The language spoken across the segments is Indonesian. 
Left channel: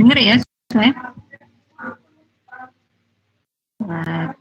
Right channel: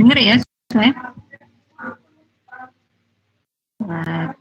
Dengar ya saya? Nah,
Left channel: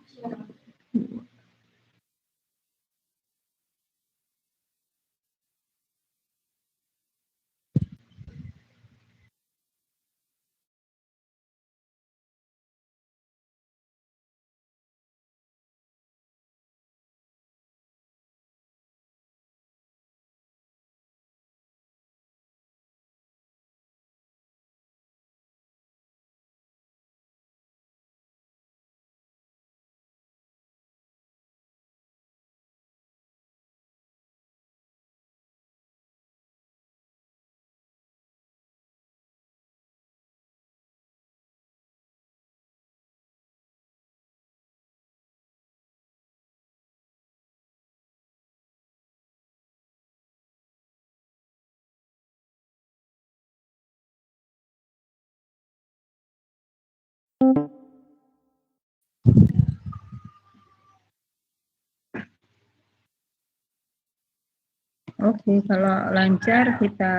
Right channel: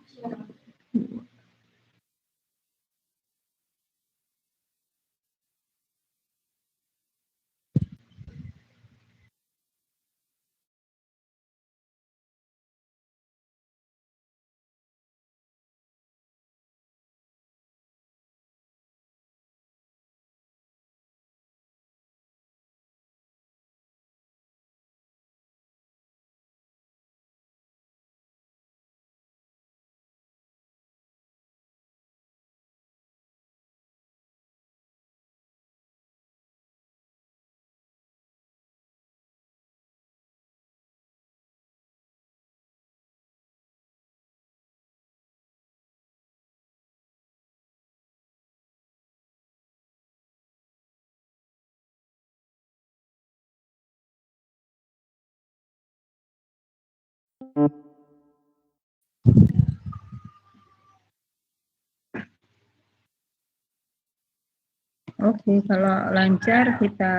oke, kalau lancar kita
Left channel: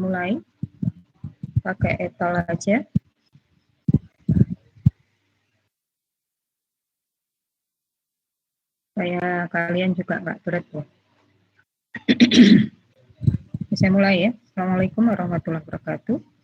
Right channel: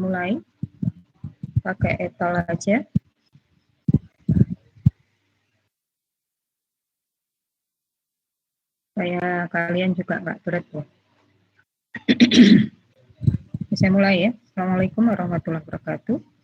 mulai pakai etol aja. Supaya kalian juga nggak berat ya. Saya mulai ya. Assalamualaikum warahmatullahi wabarakatuh.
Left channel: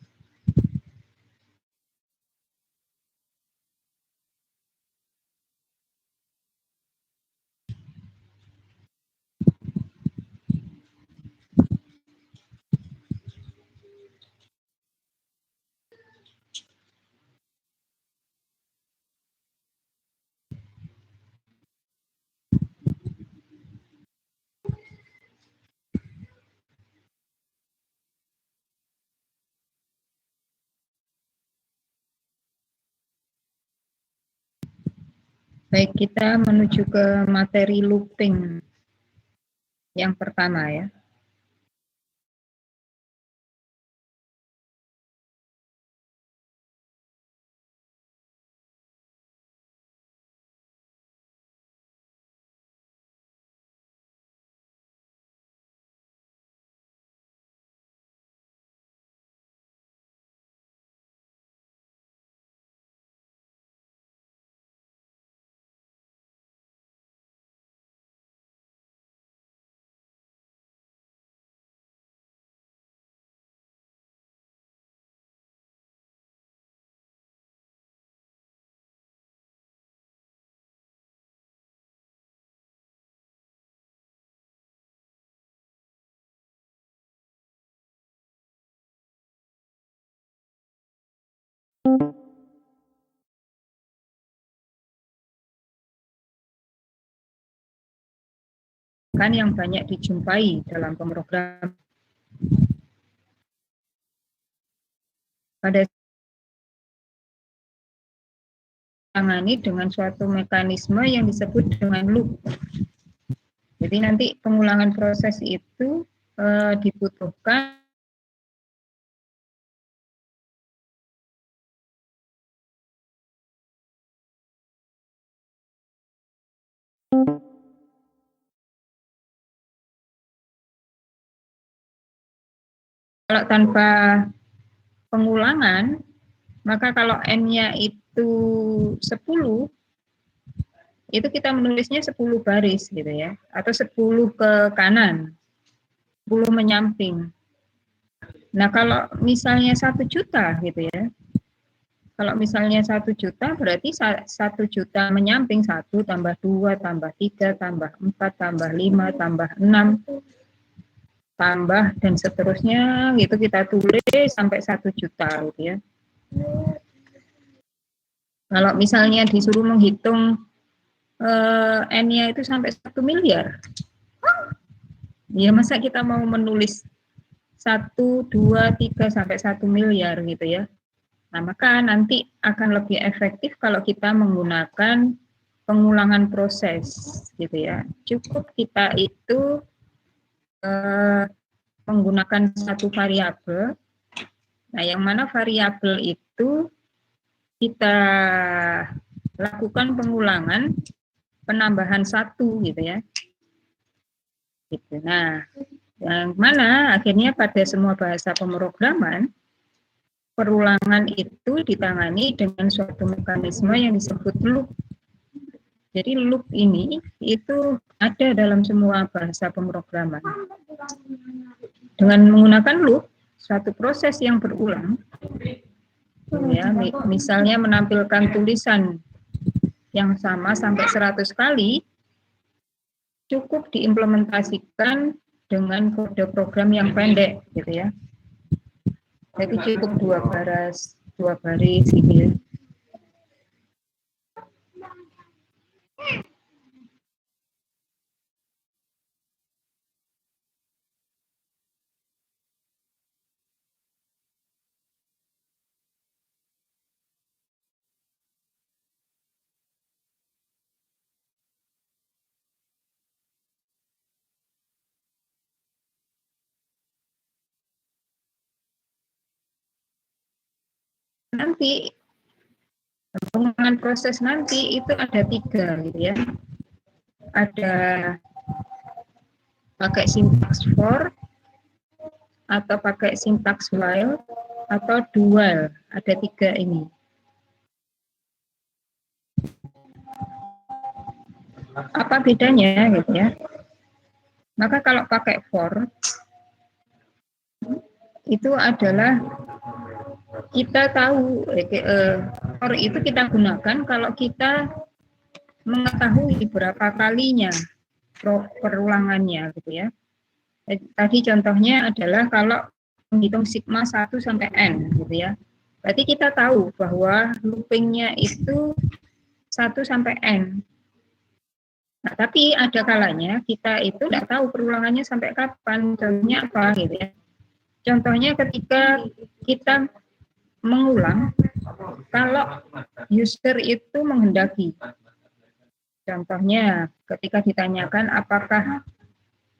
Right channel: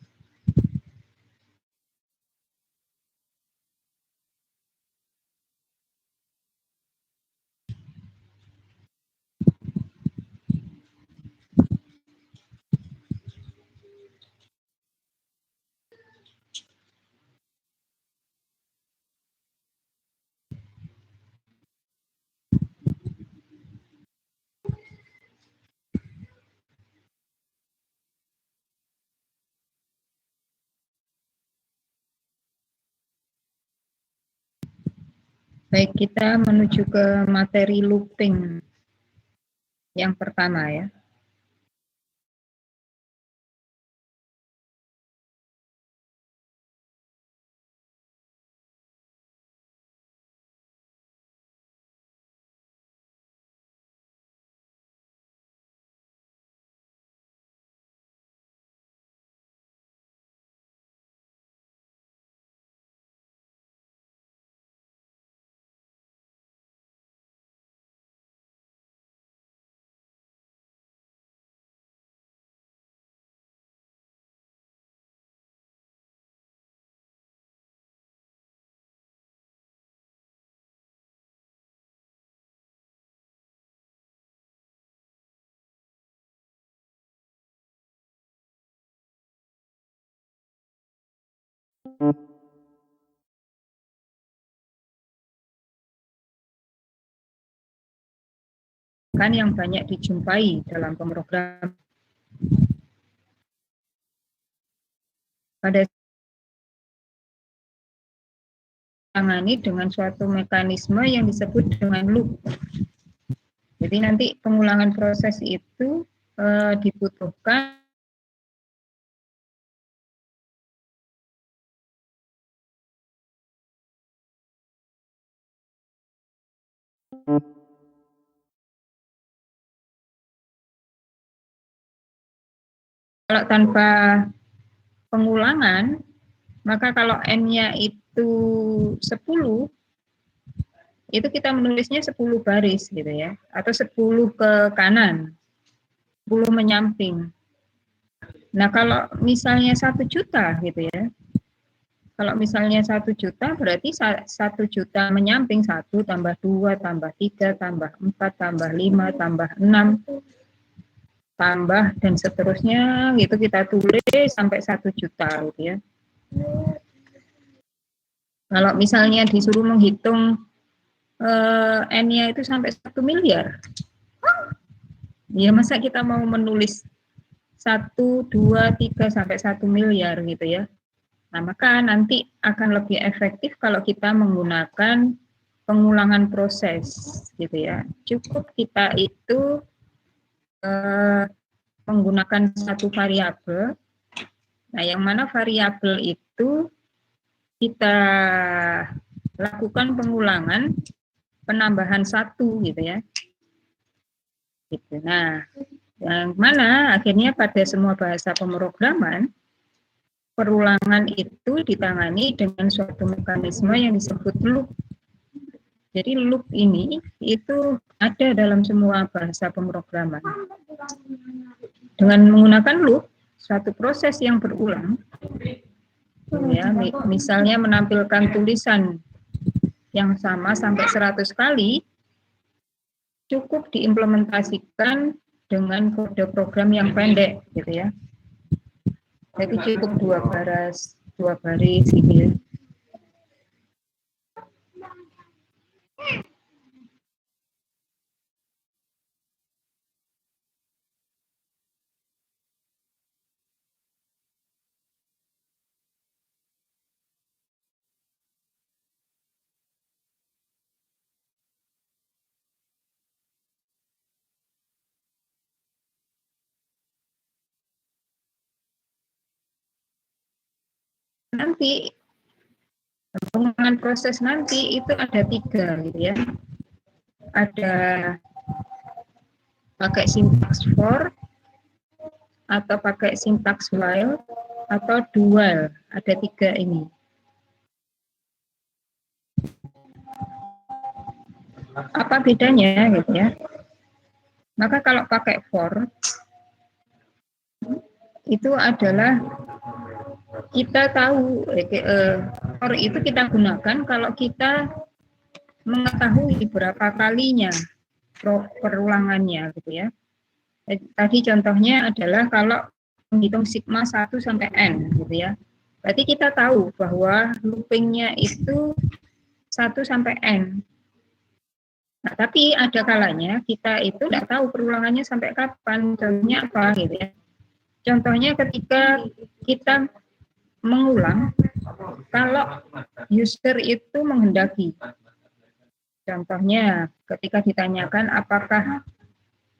Baik, kita menuju ke materi looping yang pertama ya. Kan yang banyak dijumpai dalam pemrograman pada tangani dengan suatu mekanisme yang disebut dengan loop. Jadi nanti pengulangan proses itu dibutuhkan kalau tanpa pengulangan, maka kalau N-nya itu 10, itu kita menulisnya 10 baris gitu ya, atau 10 ke kanan, 10 menyamping. Nah kalau misalnya 1 juta gitu ya, kalau misalnya 1 juta berarti 1 juta menyamping 1 tambah 2 tambah 3 tambah 4 tambah 5 tambah 6 tambah dan seterusnya gitu kita tulis sampai 1 juta gitu ya. Kalau misalnya disuruh menghitung N-nya itu sampai 1 miliar, ya masa kita mau menulis 1, 2, 3 sampai 1 miliar gitu ya. Nah, maka nanti akan lebih efektif kalau kita menggunakan pengulangan proses gitu ya. Cukup kita itu menggunakan satu variabel. Nah, yang mana variabel itu kita lakukan pengulangan penambahan 1 gitu ya. Gitu. Nah, yang mana akhirnya pada semua bahasa pemrograman perulangan itu ditangani dengan suatu mekanisme yang disebut loop. Jadi loop ini itu ada dalam semua bahasa pemrograman. Dengan menggunakan loop, suatu proses yang berulang, ya, misalnya menampilkan tulisan yang sama sampai 100 kali, cukup diimplementasikan dengan kode program yang pendek, gitu ya. Jadi cukup dua baris gitu ya. Nanti pengembangan proses nanti itu ada 3 gitu ya. Ada pakai sintaks for, atau pakai sintaks while, atau dual. Ada 3 ini. Apa bedanya gitu ya? Maka kalau pakai for itu adalah kita tahu for itu kita gunakan kalau kita mengetahui berapa kalinya perulangannya gitu ya. Tadi contohnya adalah kalau menghitung sigma 1 sampai n gitu ya. Berarti kita tahu bahwa loopingnya itu 1 sampai n. Nah, tapi ada kalanya kita itu tidak tahu perulangannya sampai kapan. Contohnya apa gitu ya. Contohnya ketika kita mengulang kalau user itu menghendaki. Contohnya ketika ditanyakan apakah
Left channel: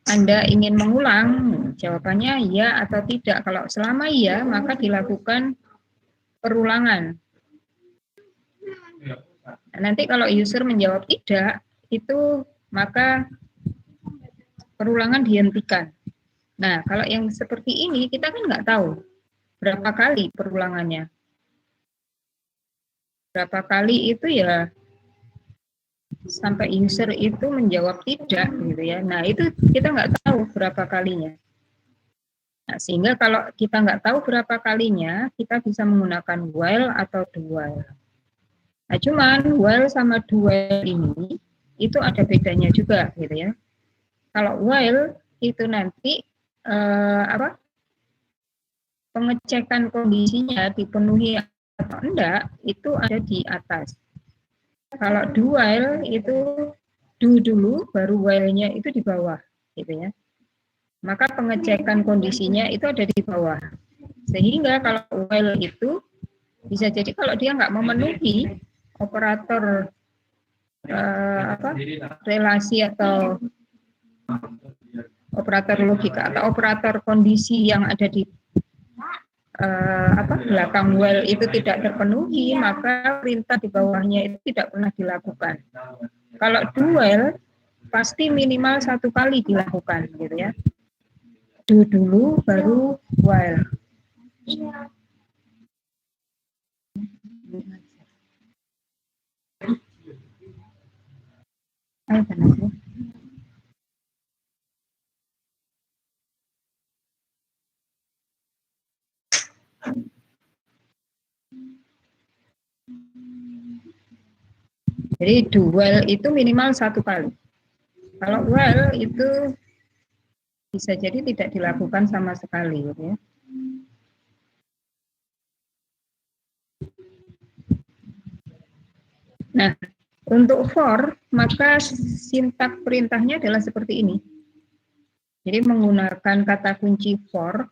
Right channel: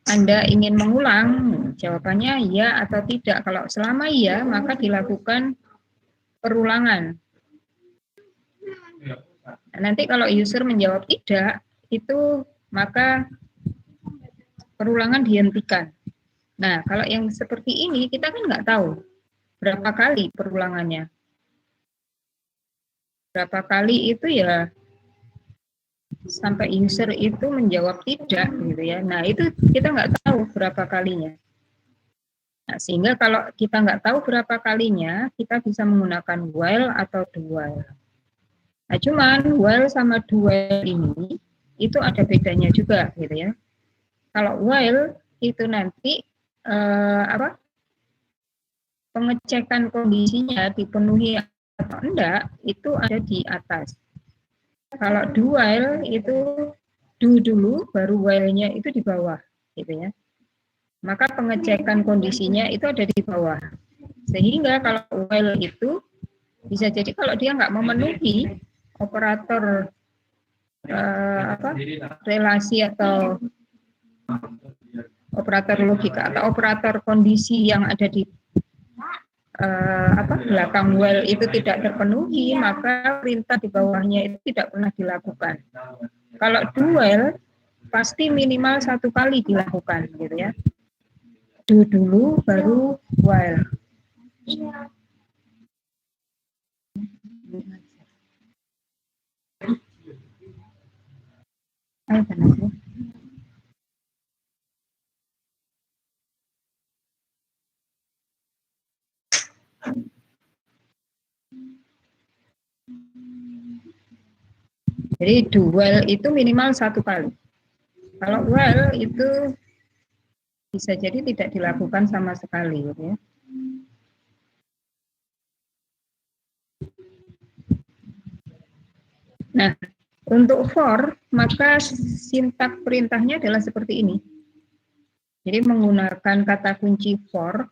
Anda ingin mengulang, jawabannya ya atau tidak. Kalau selama iya, maka dilakukan perulangan. Nah, nanti kalau user menjawab tidak, itu maka perulangan dihentikan. Nah, kalau yang seperti ini, kita kan nggak tahu berapa kali perulangannya. Berapa kali itu ya sampai user itu menjawab tidak gitu ya. Nah itu kita nggak tahu berapa kalinya. Nah, sehingga kalau kita nggak tahu berapa kalinya, kita bisa menggunakan while atau dual. Nah cuman while sama dual ini itu ada bedanya juga gitu ya. Kalau while itu nanti pengecekan kondisinya dipenuhi atau enggak itu ada di atas. Kalau do while itu do dulu, baru while-nya itu di bawah, gitu ya. Maka pengecekan kondisinya itu ada di bawah. Sehingga kalau while itu bisa jadi kalau dia nggak memenuhi operator relasi atau operator logika atau operator kondisi yang ada di belakang while itu tidak terpenuhi, maka perintah di bawahnya itu tidak pernah dilakukan. Kalau do while pasti minimal 1 kali dilakukan, gitu ya. Do dulu, baru while. Jadi do while itu minimal 1 kali. Kalau while itu bisa jadi tidak dilakukan sama sekali, gitu ya. Nah, untuk for, maka sintak perintahnya adalah seperti ini. Jadi menggunakan kata kunci for,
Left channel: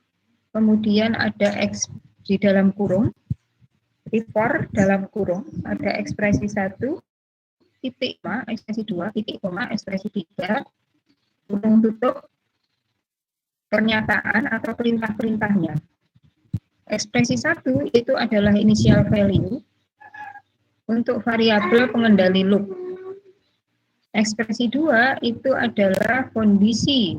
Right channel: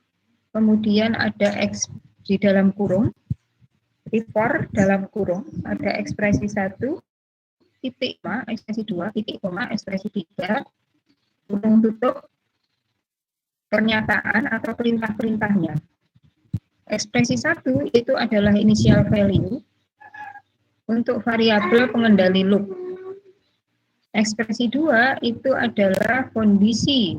kemudian ada X di dalam kurung, jadi for dalam kurung, ada ekspresi 1, titik koma, ekspresi 2, titik koma, ekspresi 3, kurung tutup, pernyataan atau perintah-perintahnya. Ekspresi 1 itu adalah initial value untuk variabel pengendali loop. Ekspresi 2 itu adalah kondisi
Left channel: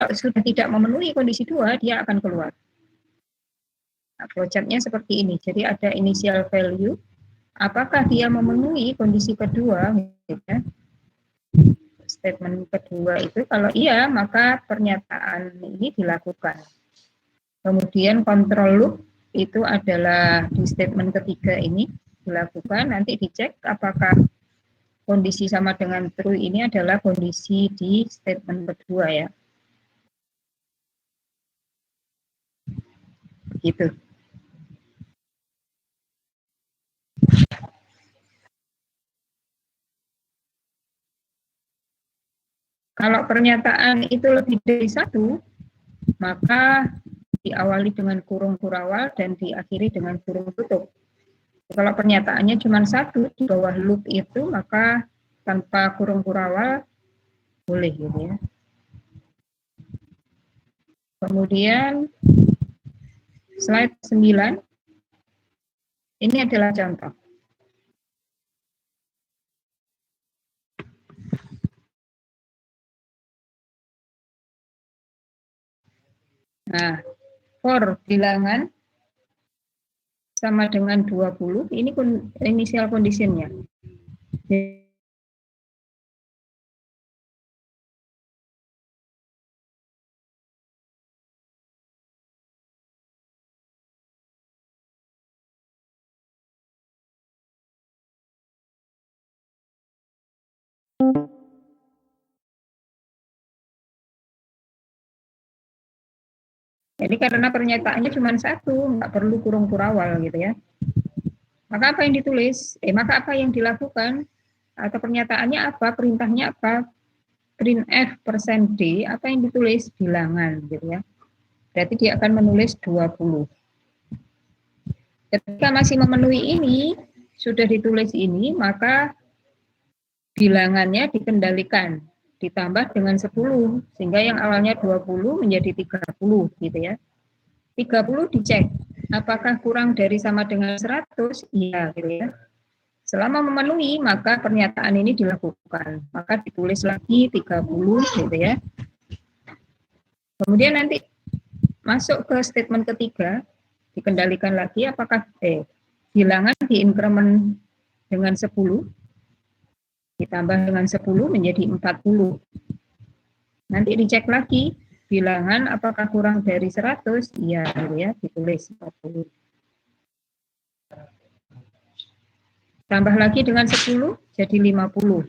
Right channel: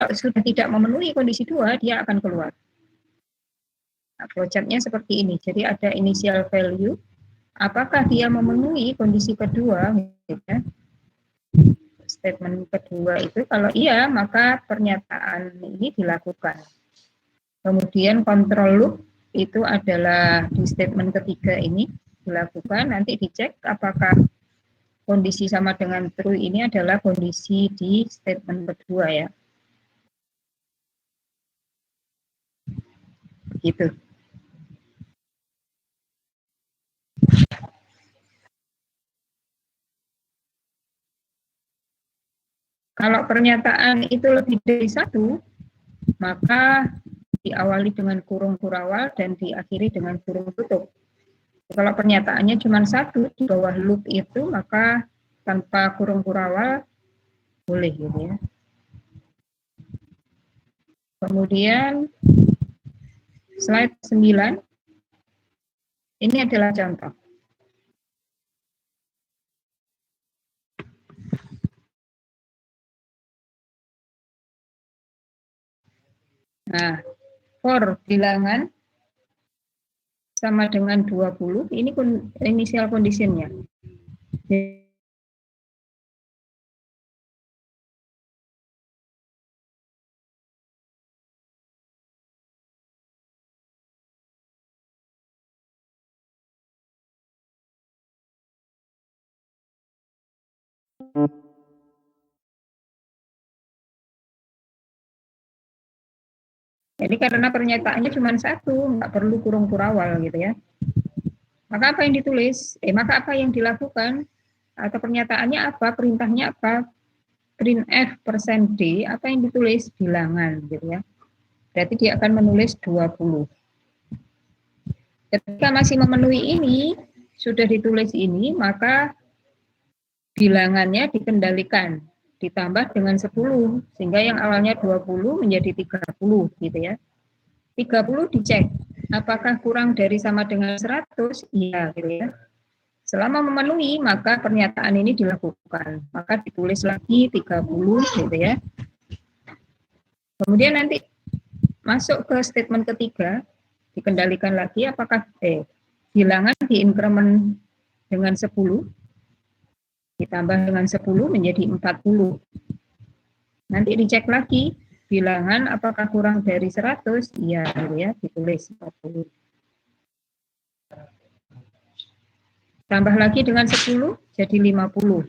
Kalau sudah tidak memenuhi kondisi 2, dia akan keluar. Nah, flowchart-nya seperti ini. Jadi ada initial value, apakah dia memenuhi kondisi kedua, gitu ya. Statement kedua itu kalau iya, maka pernyataan ini dilakukan. Kemudian control loop itu adalah di statement ketiga ini dilakukan, nanti dicek apakah kondisi sama dengan true ini adalah kondisi di statement kedua ya. Gitu. Kalau pernyataan itu lebih dari satu, maka diawali dengan kurung kurawal dan diakhiri dengan kurung tutup. Kalau pernyataannya cuma satu di bawah loop itu, maka tanpa kurung kurawal boleh gitu ya. Kemudian slide 9, ini adalah contoh. Nah, for bilangan sama dengan 20, ini initial condition-nya. Jadi karena pernyataannya cuma satu, nggak perlu kurung kurawal gitu ya. Maka apa yang ditulis? Maka apa yang dilakukan? Atau pernyataannya apa? Perintahnya apa? Printf %d, apa yang ditulis? Bilangan gitu ya. Berarti dia akan menulis 20. Ketika masih memenuhi ini, sudah ditulis ini, maka bilangannya dikendalikan, ditambah dengan 10, sehingga yang awalnya 20 menjadi 30 gitu ya. 30 dicek, apakah kurang dari sama dengan 100? Iya gitu ya. Selama memenuhi, maka pernyataan ini dilakukan. Maka ditulis lagi 30 gitu ya. Kemudian nanti masuk ke statement ketiga, dikendalikan lagi apakah bilangan diinkremen dengan 10, ditambah dengan 10 menjadi 40. Nanti dicek lagi, bilangan apakah kurang dari 100? Iya, gitu ya, ditulis 40. Tambah lagi dengan 10, jadi 50.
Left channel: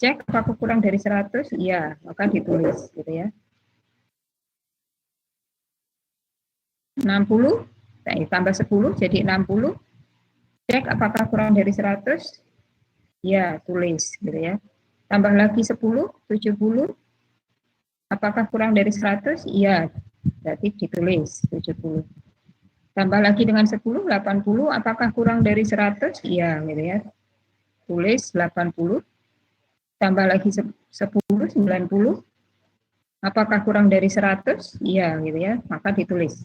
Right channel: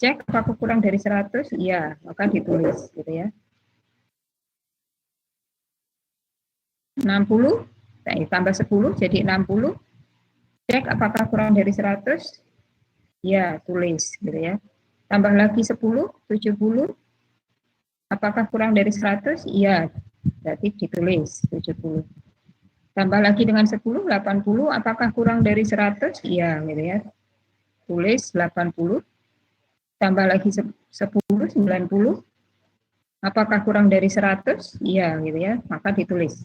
Cek apakah kurang dari 100? Iya, maka ditulis gitu ya. 60, tambah 10 jadi 60. Cek apakah kurang dari 100? Ya, tulis gitu ya. Tambah lagi 10, 70. Apakah kurang dari 100? Iya, berarti ditulis 70. Tambah lagi dengan 10, 80. Apakah kurang dari 100? Iya, gitu ya. Tulis 80. Tambah lagi 10, 90. Apakah kurang dari 100? Iya, gitu ya. Maka ditulis.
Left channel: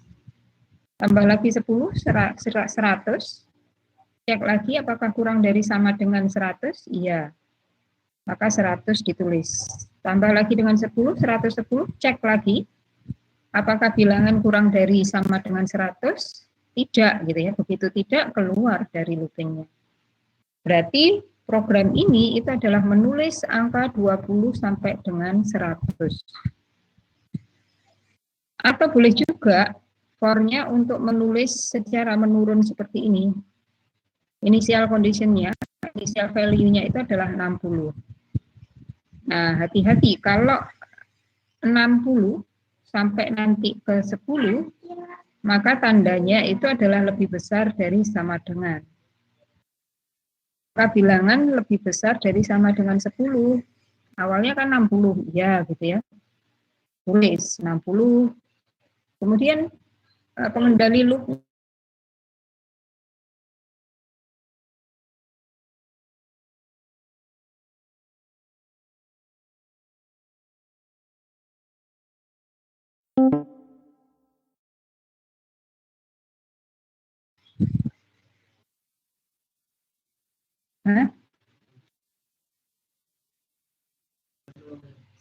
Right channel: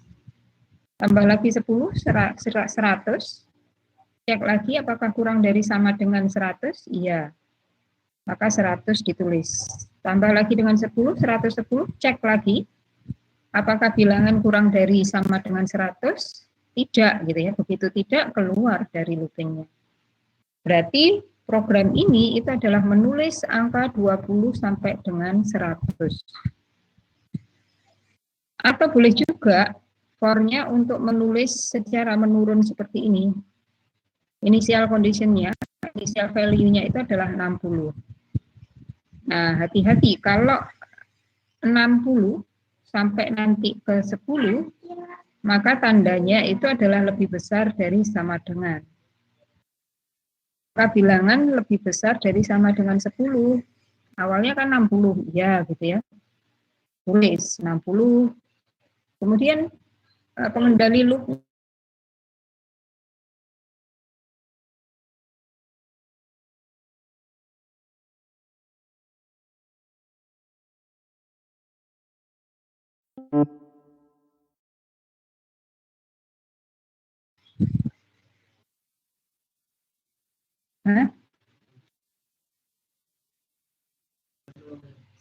Tambah lagi 10, 100. Cek lagi apakah kurang dari sama dengan 100? Iya. Maka 100 ditulis. Tambah lagi dengan 10, 110, cek lagi. Apakah bilangan kurang dari sama dengan 100? Tidak, gitu ya. Begitu tidak, keluar dari loopingnya. Berarti program ini itu adalah menulis angka 20 sampai dengan 100. Atau boleh juga for-nya untuk menulis secara menurun seperti ini. Initial condition-nya, initial value-nya itu adalah 60. Nah, hati-hati kalau 60 sampai nanti ke 10, maka tandanya itu adalah lebih besar dari sama dengan. Maka bilangan lebih besar dari sama dengan 10. Awalnya kan 60, ya gitu ya. Tulis 60. Kemudian pengendali loop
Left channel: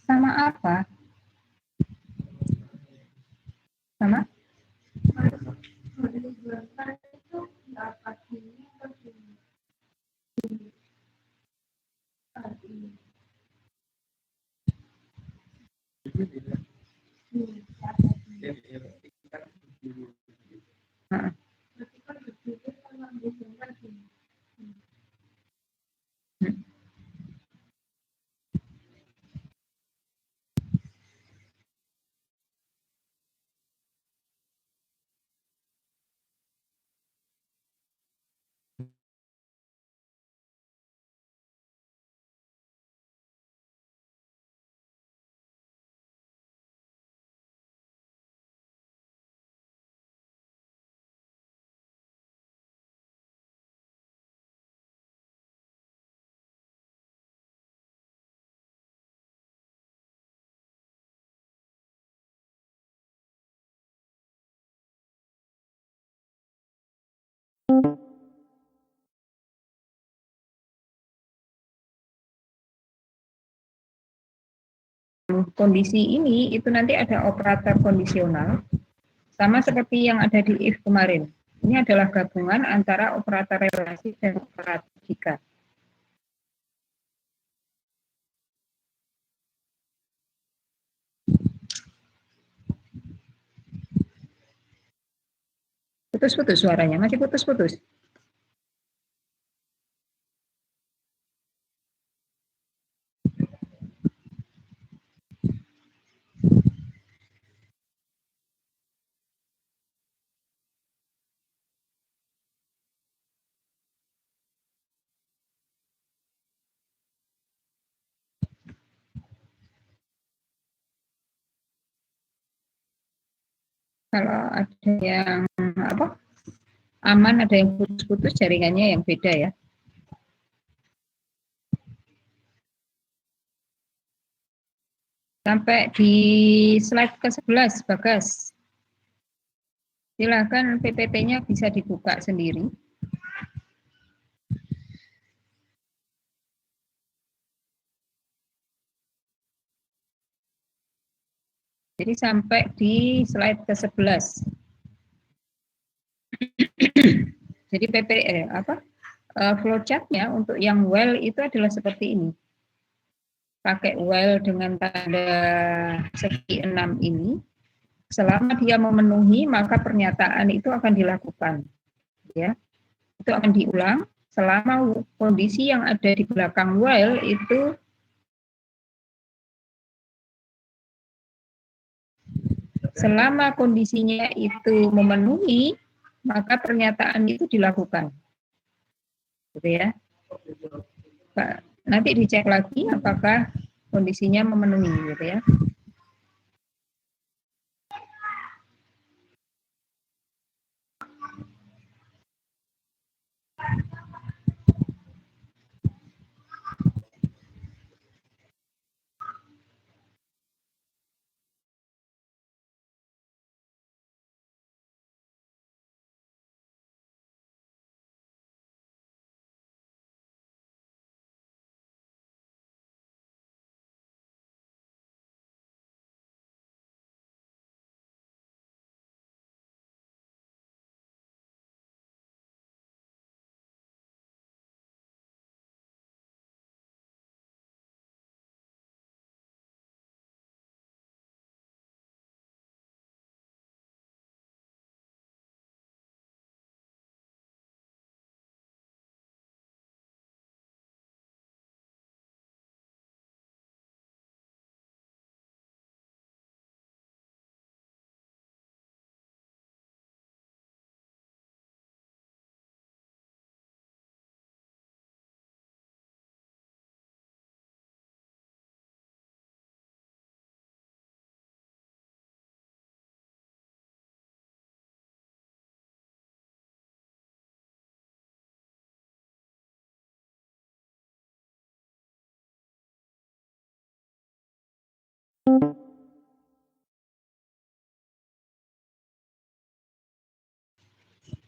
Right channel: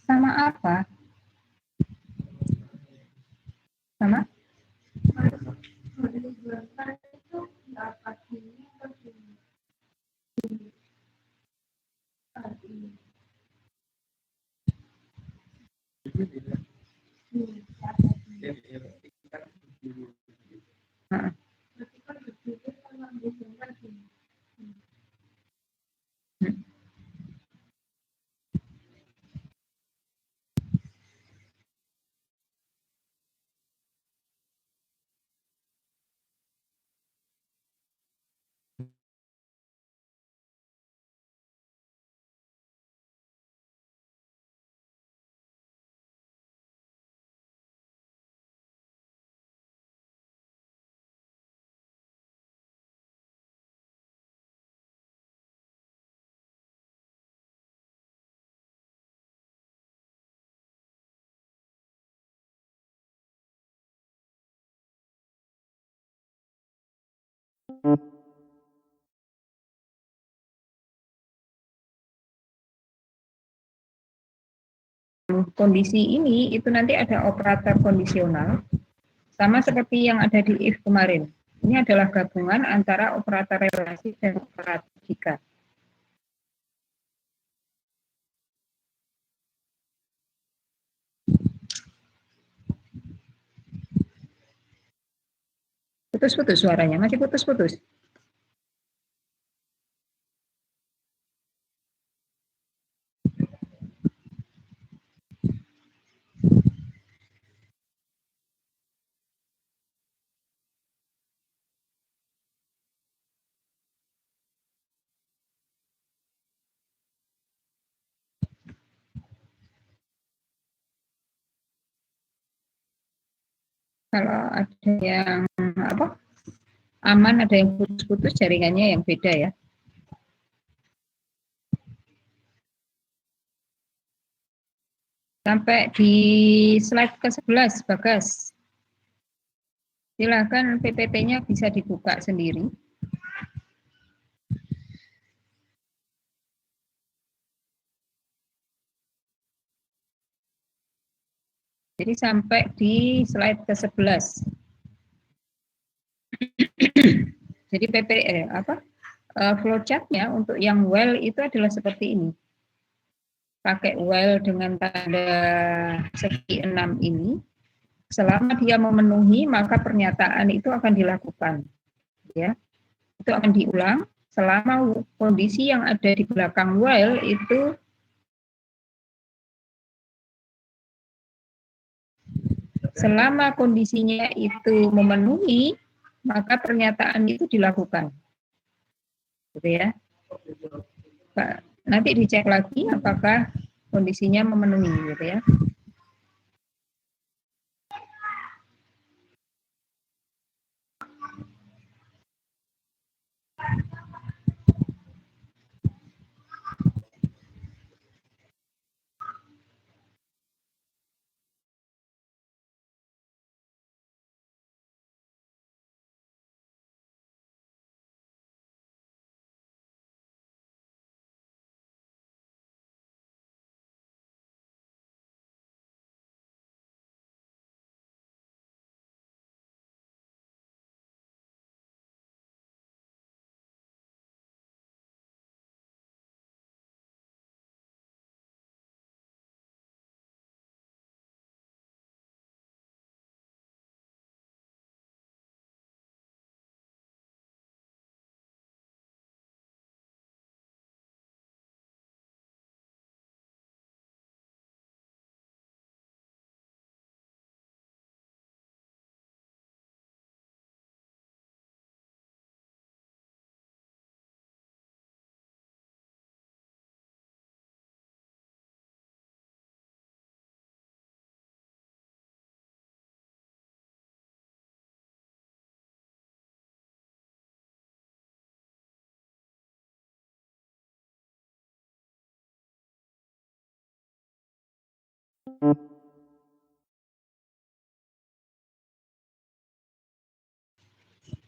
sama apa? Sama? Nah, kondisi ini itu nanti ada operator kondisional sama seperti yang ada di if kemarin. Ini adalah gabungan antara operator relasi dan operator jika. Putus-putus suaranya, masih putus-putus. Kalau ada yang apa aman, ada yang putus-putus, jaringannya yang beda ya. Sampai di slide ke-11, Bagas. Silakan PPT-nya bisa dibuka sendiri. Jadi sampai di slide ke-11. Jadi flowchart-nya untuk yang well itu adalah seperti ini. Pakai well dengan tanda segi 6 ini. Selama dia memenuhi, maka pernyataan itu akan dilakukan. Ya, itu akan diulang selama kondisi yang ada di belakang while itu selama kondisinya itu memenuhi, maka pernyataan itu dilakukan. Gitu ya. Nanti dicek lagi apakah kondisinya memenuhi gitu ya.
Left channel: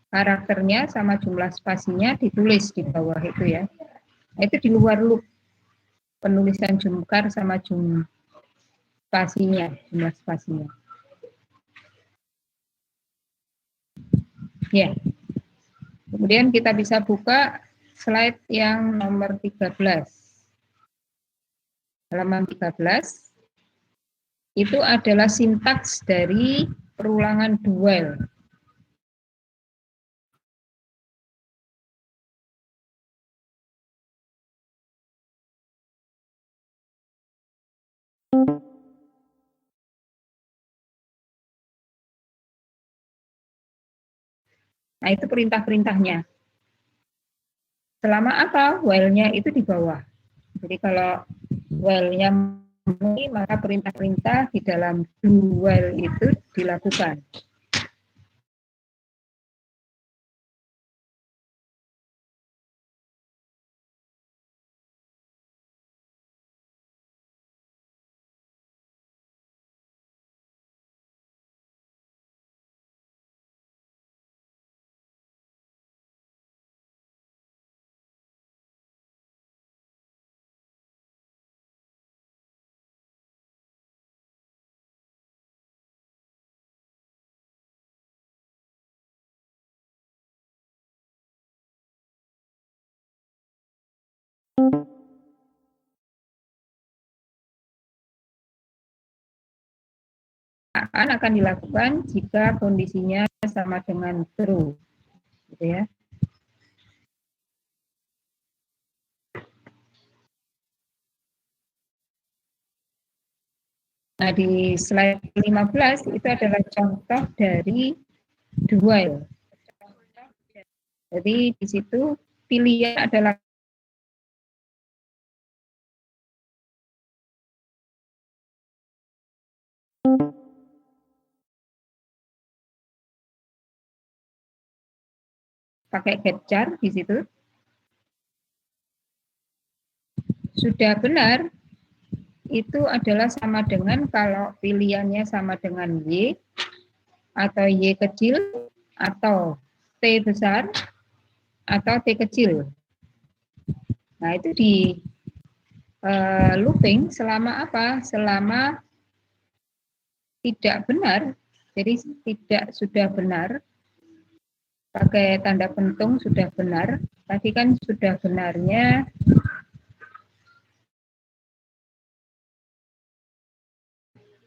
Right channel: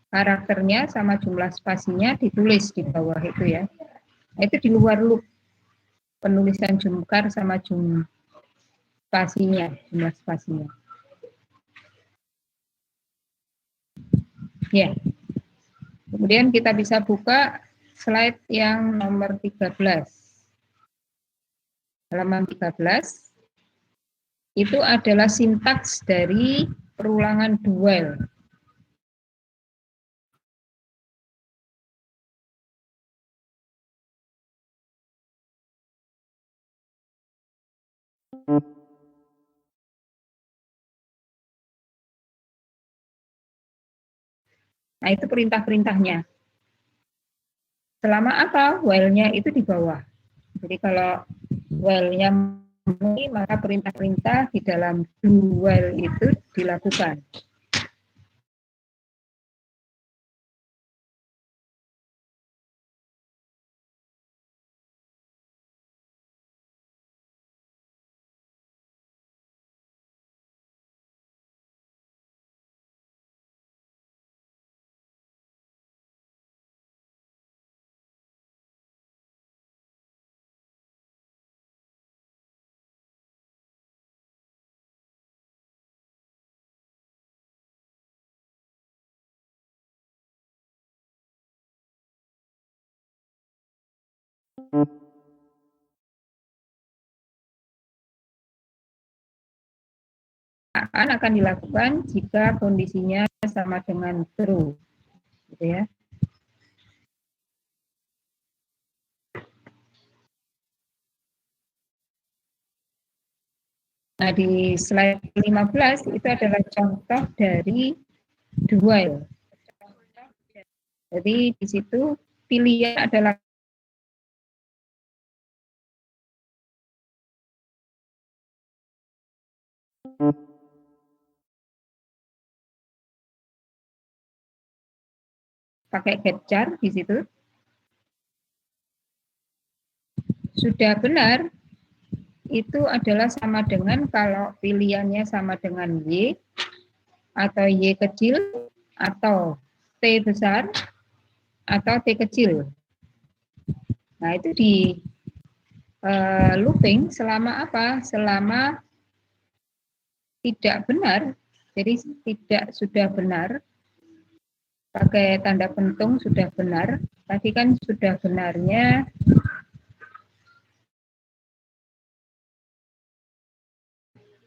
Karakternya sama jumlah spasinya ditulis di bawah itu ya. Itu di luar loop penulisan jumkar sama jumlah spasinya. Ya. Kemudian kita bisa buka slide yang nomor 13. Halaman 13 itu adalah sintaks dari perulangan dual. Nah, itu perintah-perintahnya. Selama apa? While-nya itu di bawah. Jadi kalau while-nya memenuhi, maka perintah-perintah di dalam do while itu dilakukan. Akan dilakukan jika kondisinya sama dengan true, gitu ya. Nah, di slide 15 itu adalah contoh dari do while. Jadi di situ pilihan adalah pakai get-char di situ. Sudah benar, itu adalah sama dengan kalau pilihannya sama dengan Y, atau Y kecil, atau T besar, atau T kecil. Nah, itu di looping selama apa? Selama tidak benar, jadi tidak sudah benar, pakai tanda pentung sudah benar. Tadi kan sudah benarnya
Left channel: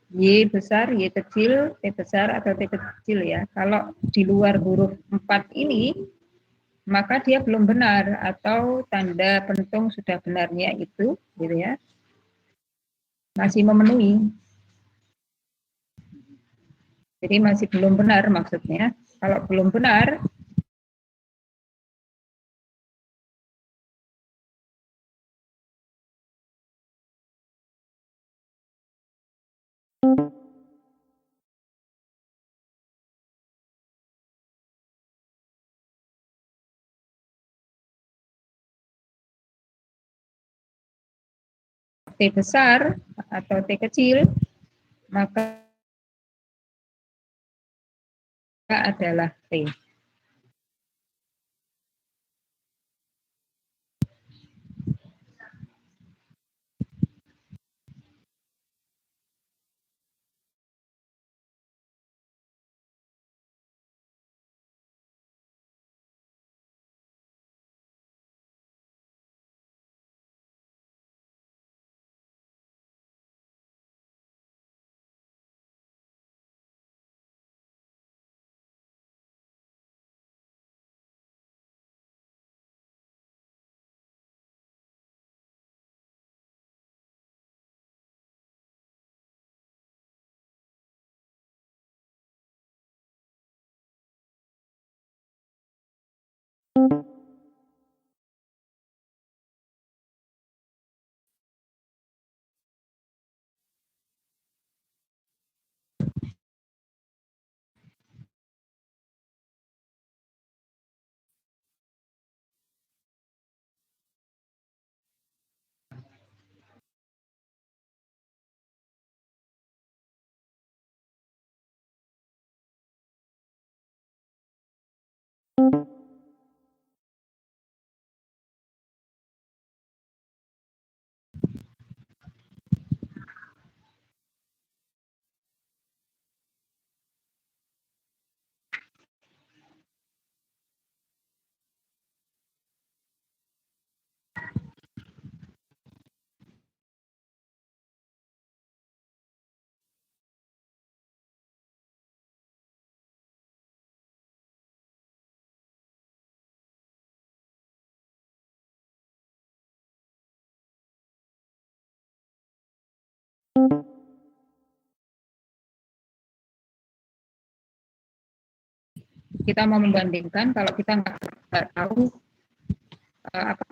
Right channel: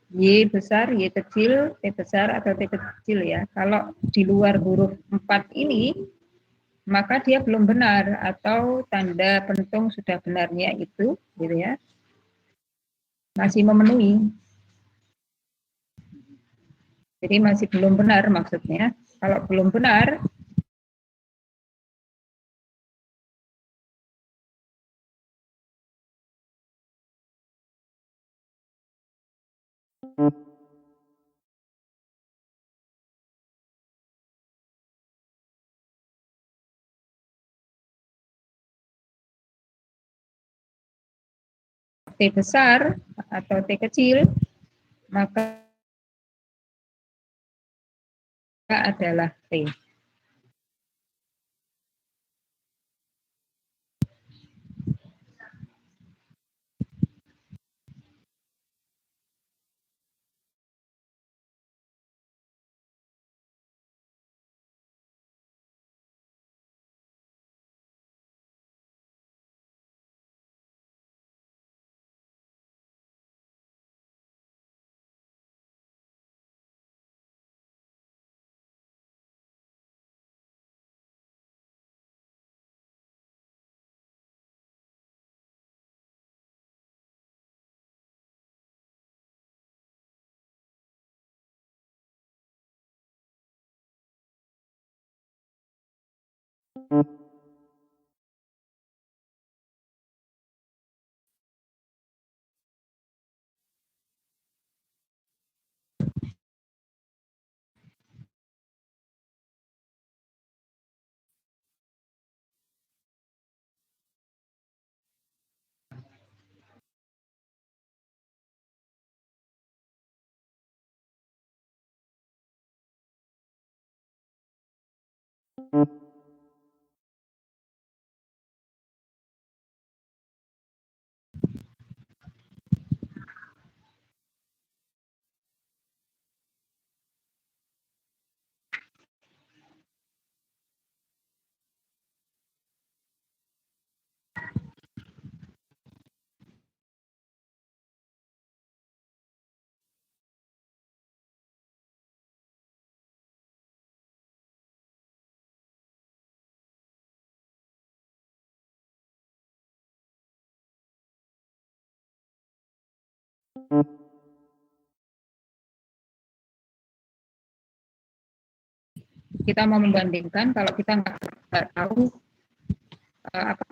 Y besar, Y kecil, T besar, atau T kecil ya. Kalau di luar huruf 4 ini, maka dia belum benar, atau tanda pentung sudah benarnya itu, gitu ya, masih memenuhi. Jadi masih belum benar maksudnya. Kalau belum benar, T besar atau T kecil, maka adalah T. Kita mau membandingkan, kalau kita nggak tahu apa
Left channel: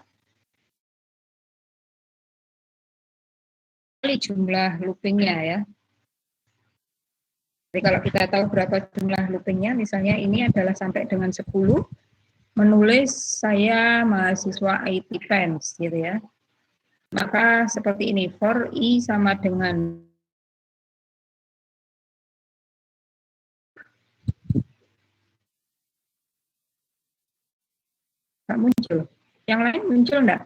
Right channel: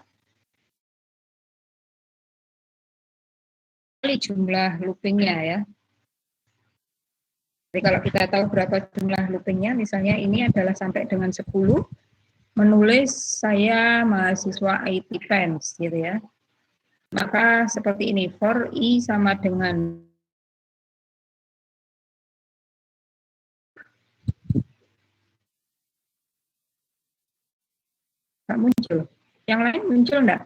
jumlah loopingnya ya. Jadi kalau kita tahu berapa jumlah loopingnya, misalnya ini adalah sampai dengan 10, menulis saya mahasiswa IT pens gitu ya. Maka seperti ini, for I sama dengan nggak muncul. Yang lain muncul enggak?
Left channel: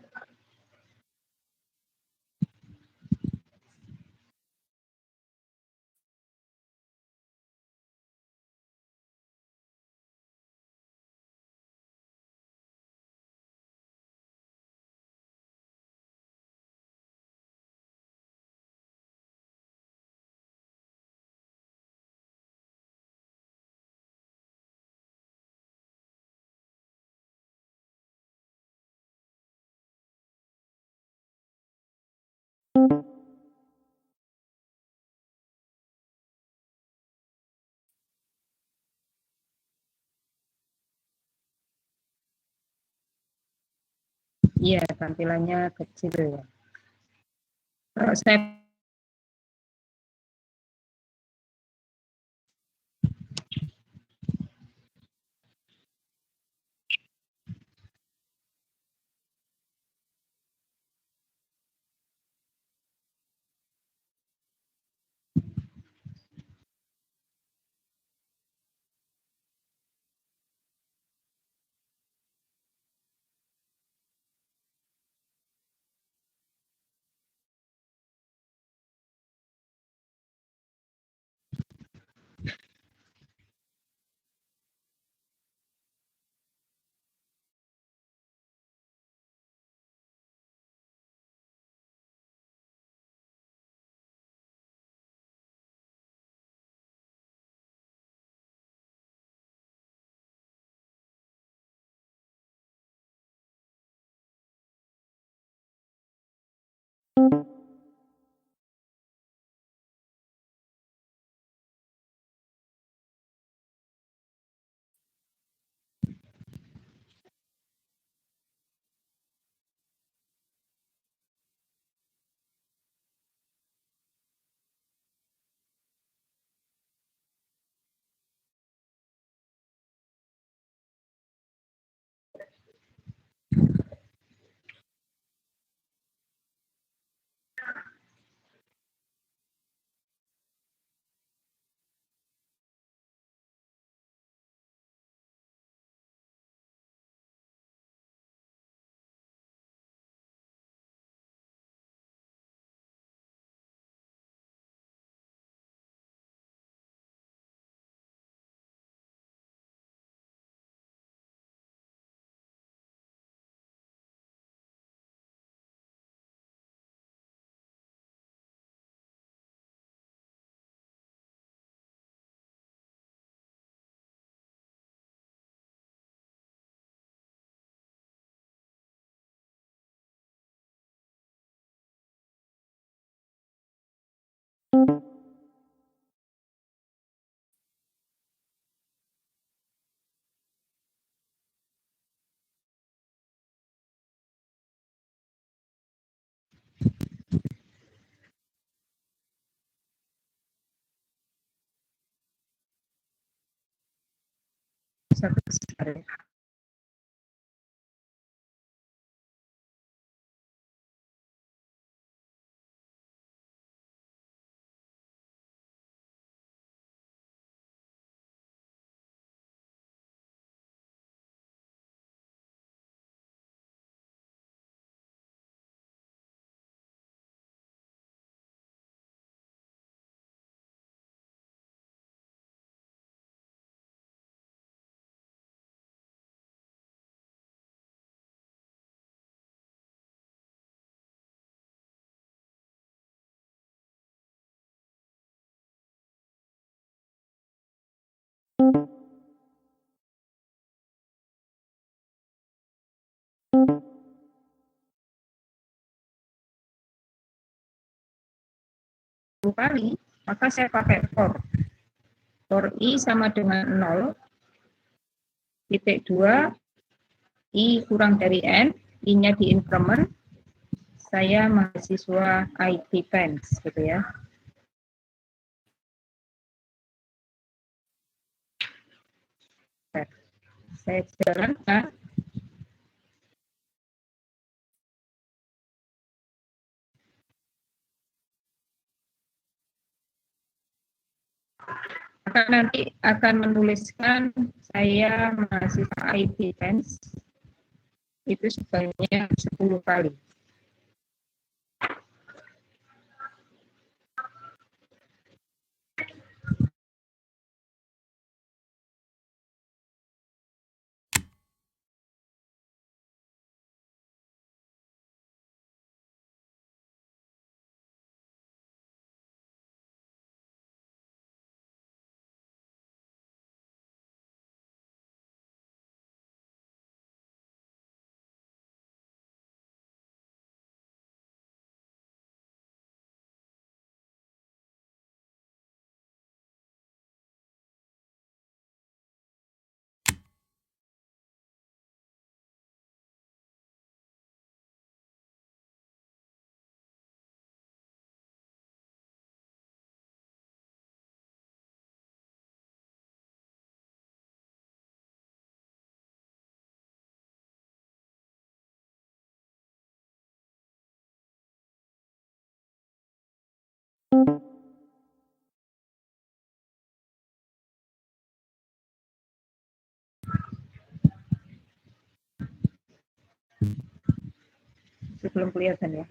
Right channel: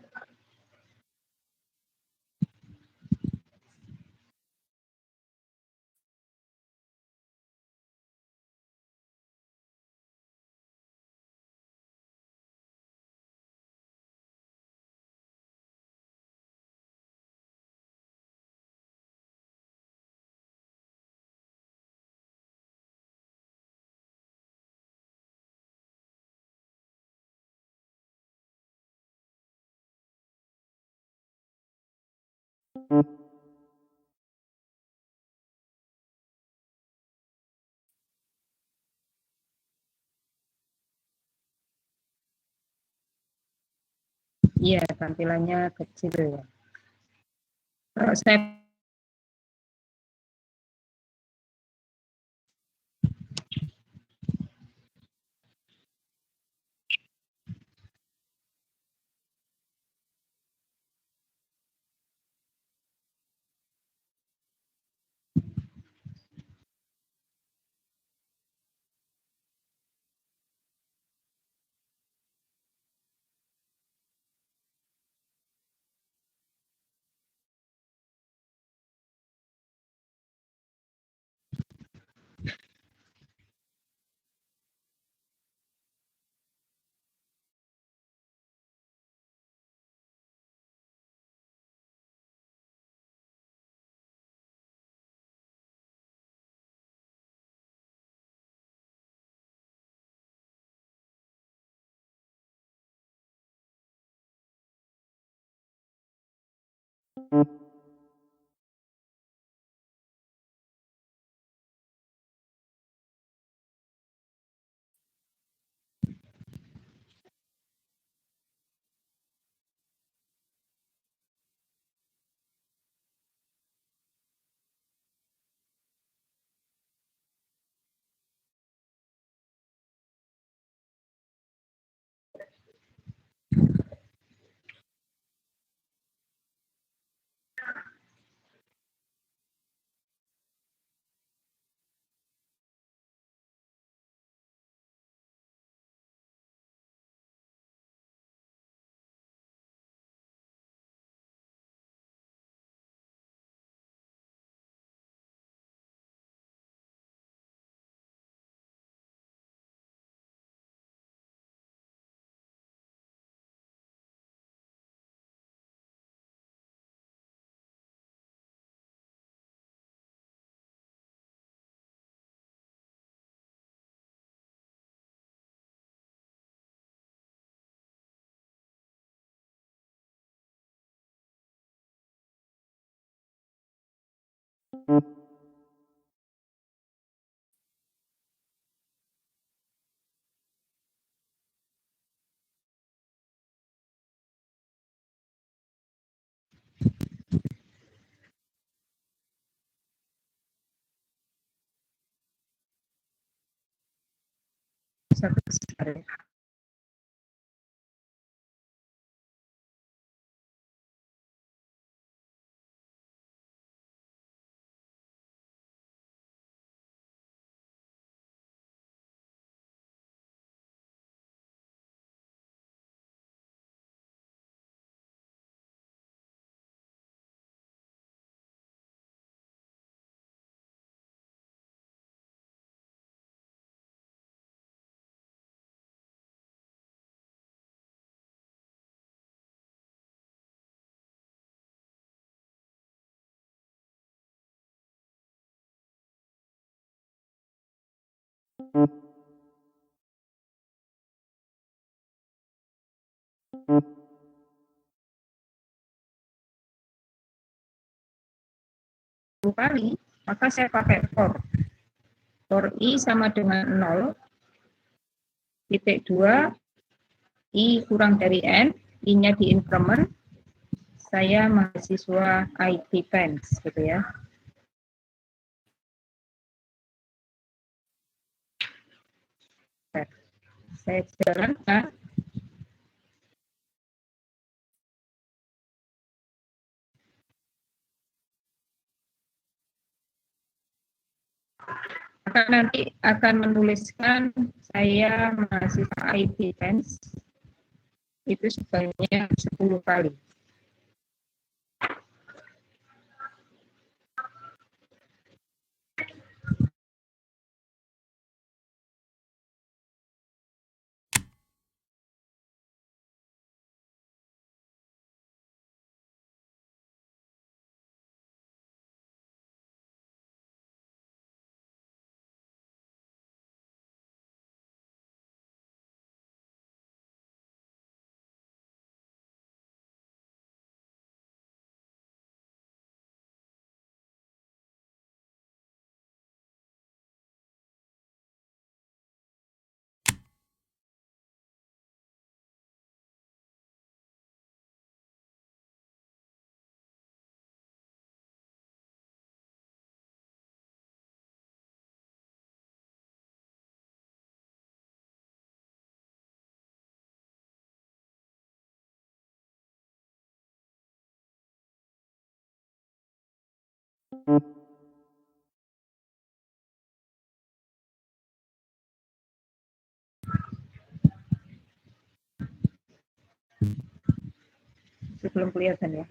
Iya, tampilannya kecil ya. Kalau saya Satu hari. Kali, maka saya pakai for. For I sama dengan 0, titik 2, I kurang dari N, I-nya di increment, saya mahasiswa IT Pens, gitu ya. Saya jalankan. Maka nanti akan menuliskan saya mahasiswa IT Pens, itu sebanyak 10 kali. Belum kelihatan ya.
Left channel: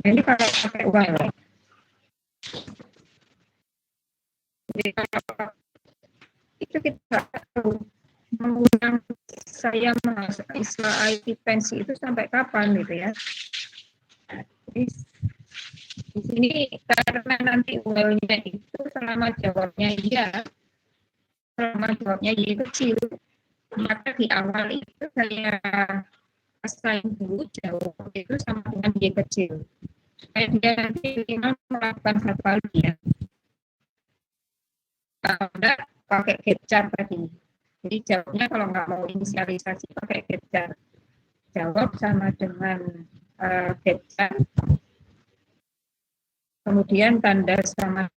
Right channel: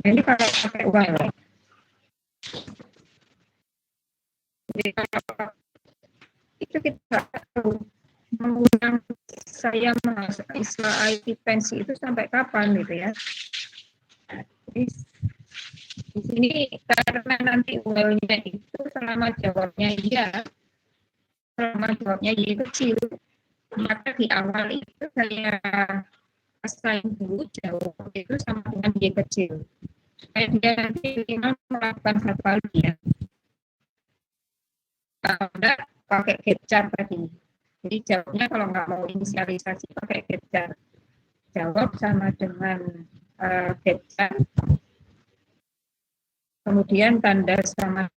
Ini kalau pakai while. Jadi kalau itu kita tahu mengundang saya mahasiswa IT pensi itu sampai kapan gitu ya. Jadi, di sini karena nanti while-nya itu selama jawabnya iya, selama jawabnya iya kecil, maka di awal itu saya assign dulu jawab itu sama dengan Y kecil. Supaya dia nanti minimal melakukan satu kali ya. Kalau enggak, pakai captcha tadi. Jadi jawabnya kalau nggak mau inisialisasi pakai captcha. Jawab sama dengan captcha. Kemudian tanda sama.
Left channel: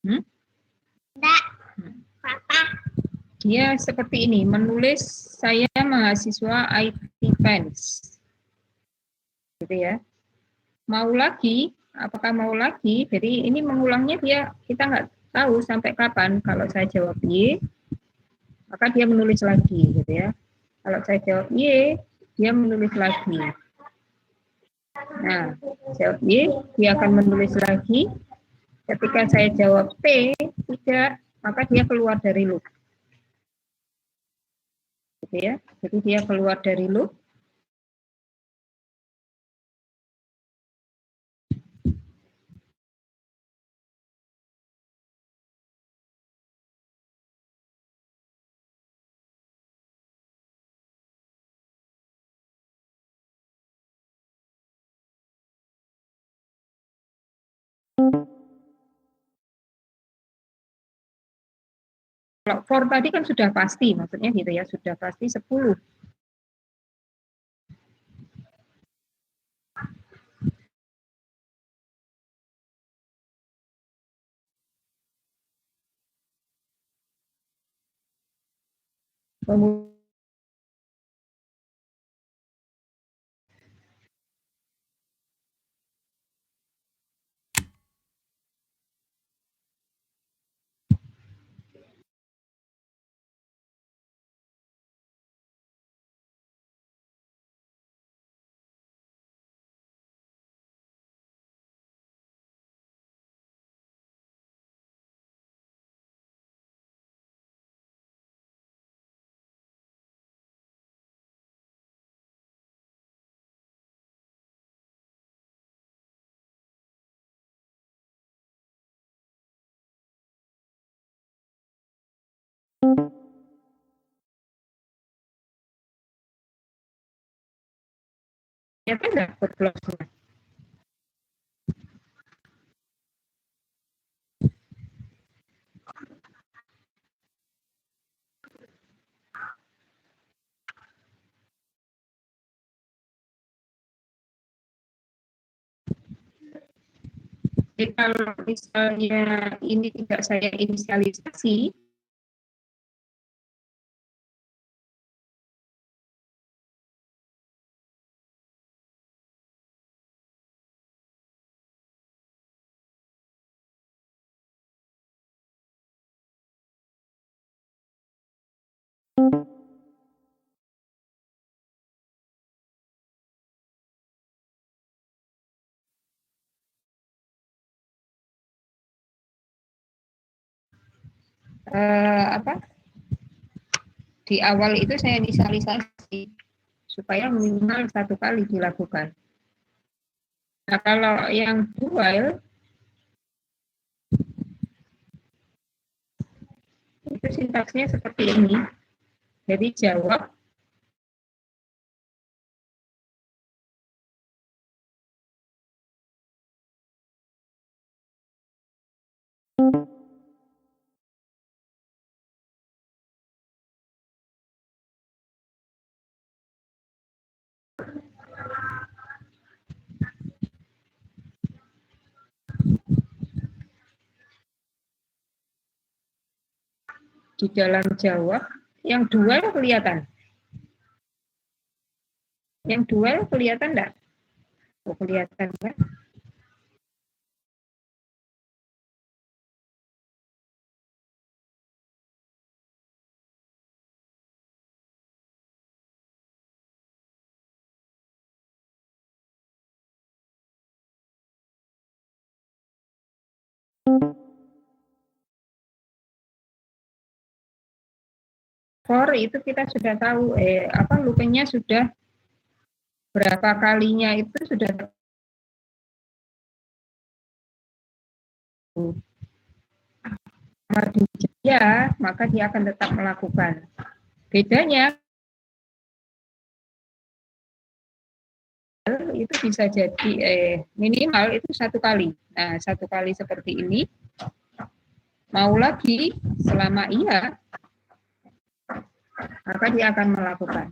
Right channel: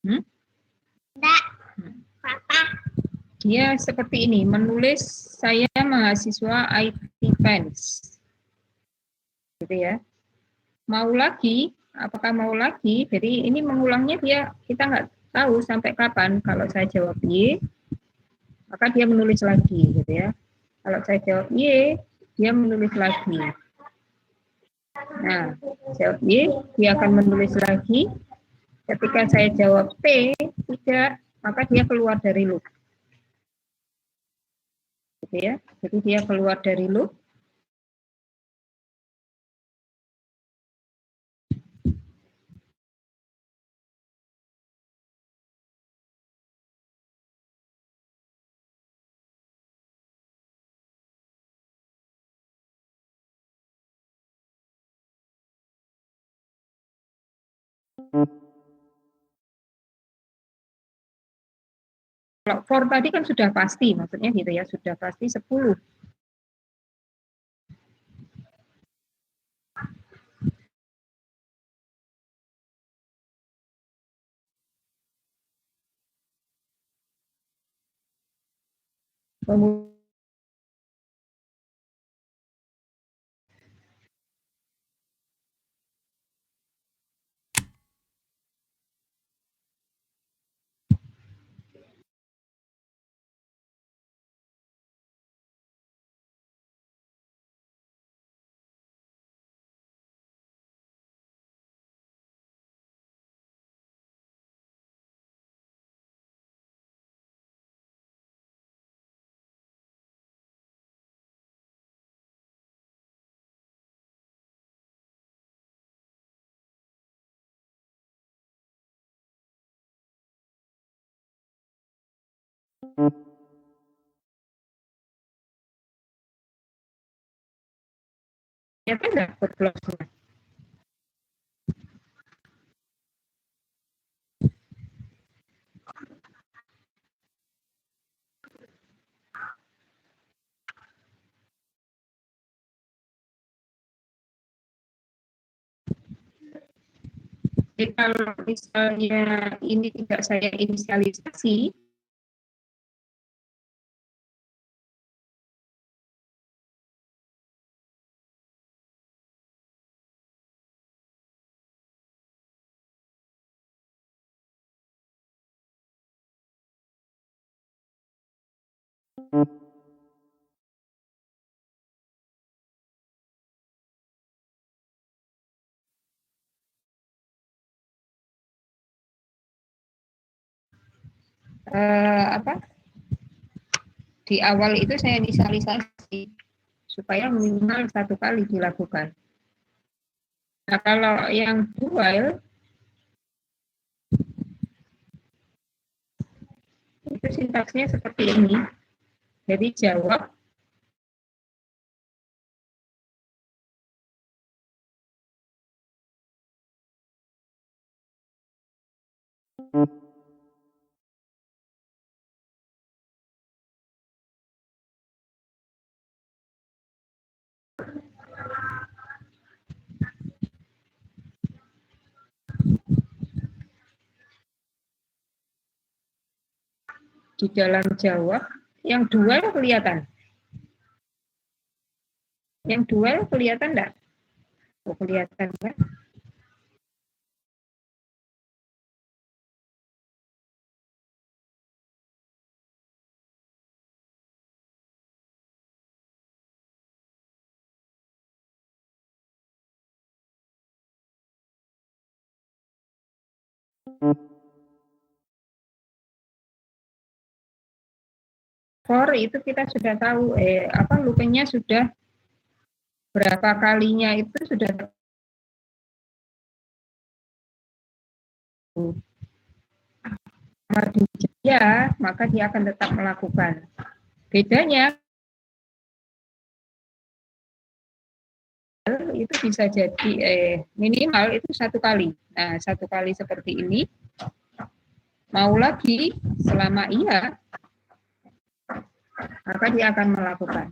Enggak. Apa? Dia seperti ini, menulis saya mahasiswa IT Fans. Gitu ya. Mau lagi, apakah mau lagi? Jadi ini mengulangnya kita nggak tahu sampai kapan. Kalau saya jawab Y, maka dia menulis lagi, gitu ya. Kalau saya jawab Y, dia menulis lagi. Nah, jawab Y, dia akan menulis lagi. Ketika saya jawab T, tidak, maka dia keluar dari loop. Gitu ya. Jadi dia keluar dari loop. Kalau for tadi kan sudah pasti, maksudnya gitu ya, sudah pasti 10. Kemudian ternyata dapat close-nya. Jadi kalau misalnya ini tidak saya inisialisasi, di awal itu saya inisialisasi supaya minimal 1 kali dilakukan. Nah, kalau yang dual itu sintaksnya seperti ini. Jadi jawab di dalam jawab. Yang dual kelihatan. Yang dual kelihatan enggak? Oh, kelihatan kan? For itu kita sudah tahu loopingnya sudah berapa kalinya itu sudah ya, maka dia akan tetap melakukan. Bedanya itu bisa jadi minimal itu 1 kali. Nah, 1 kali seperti ini. Mau lagi selama iya, maka dia akan melakukan.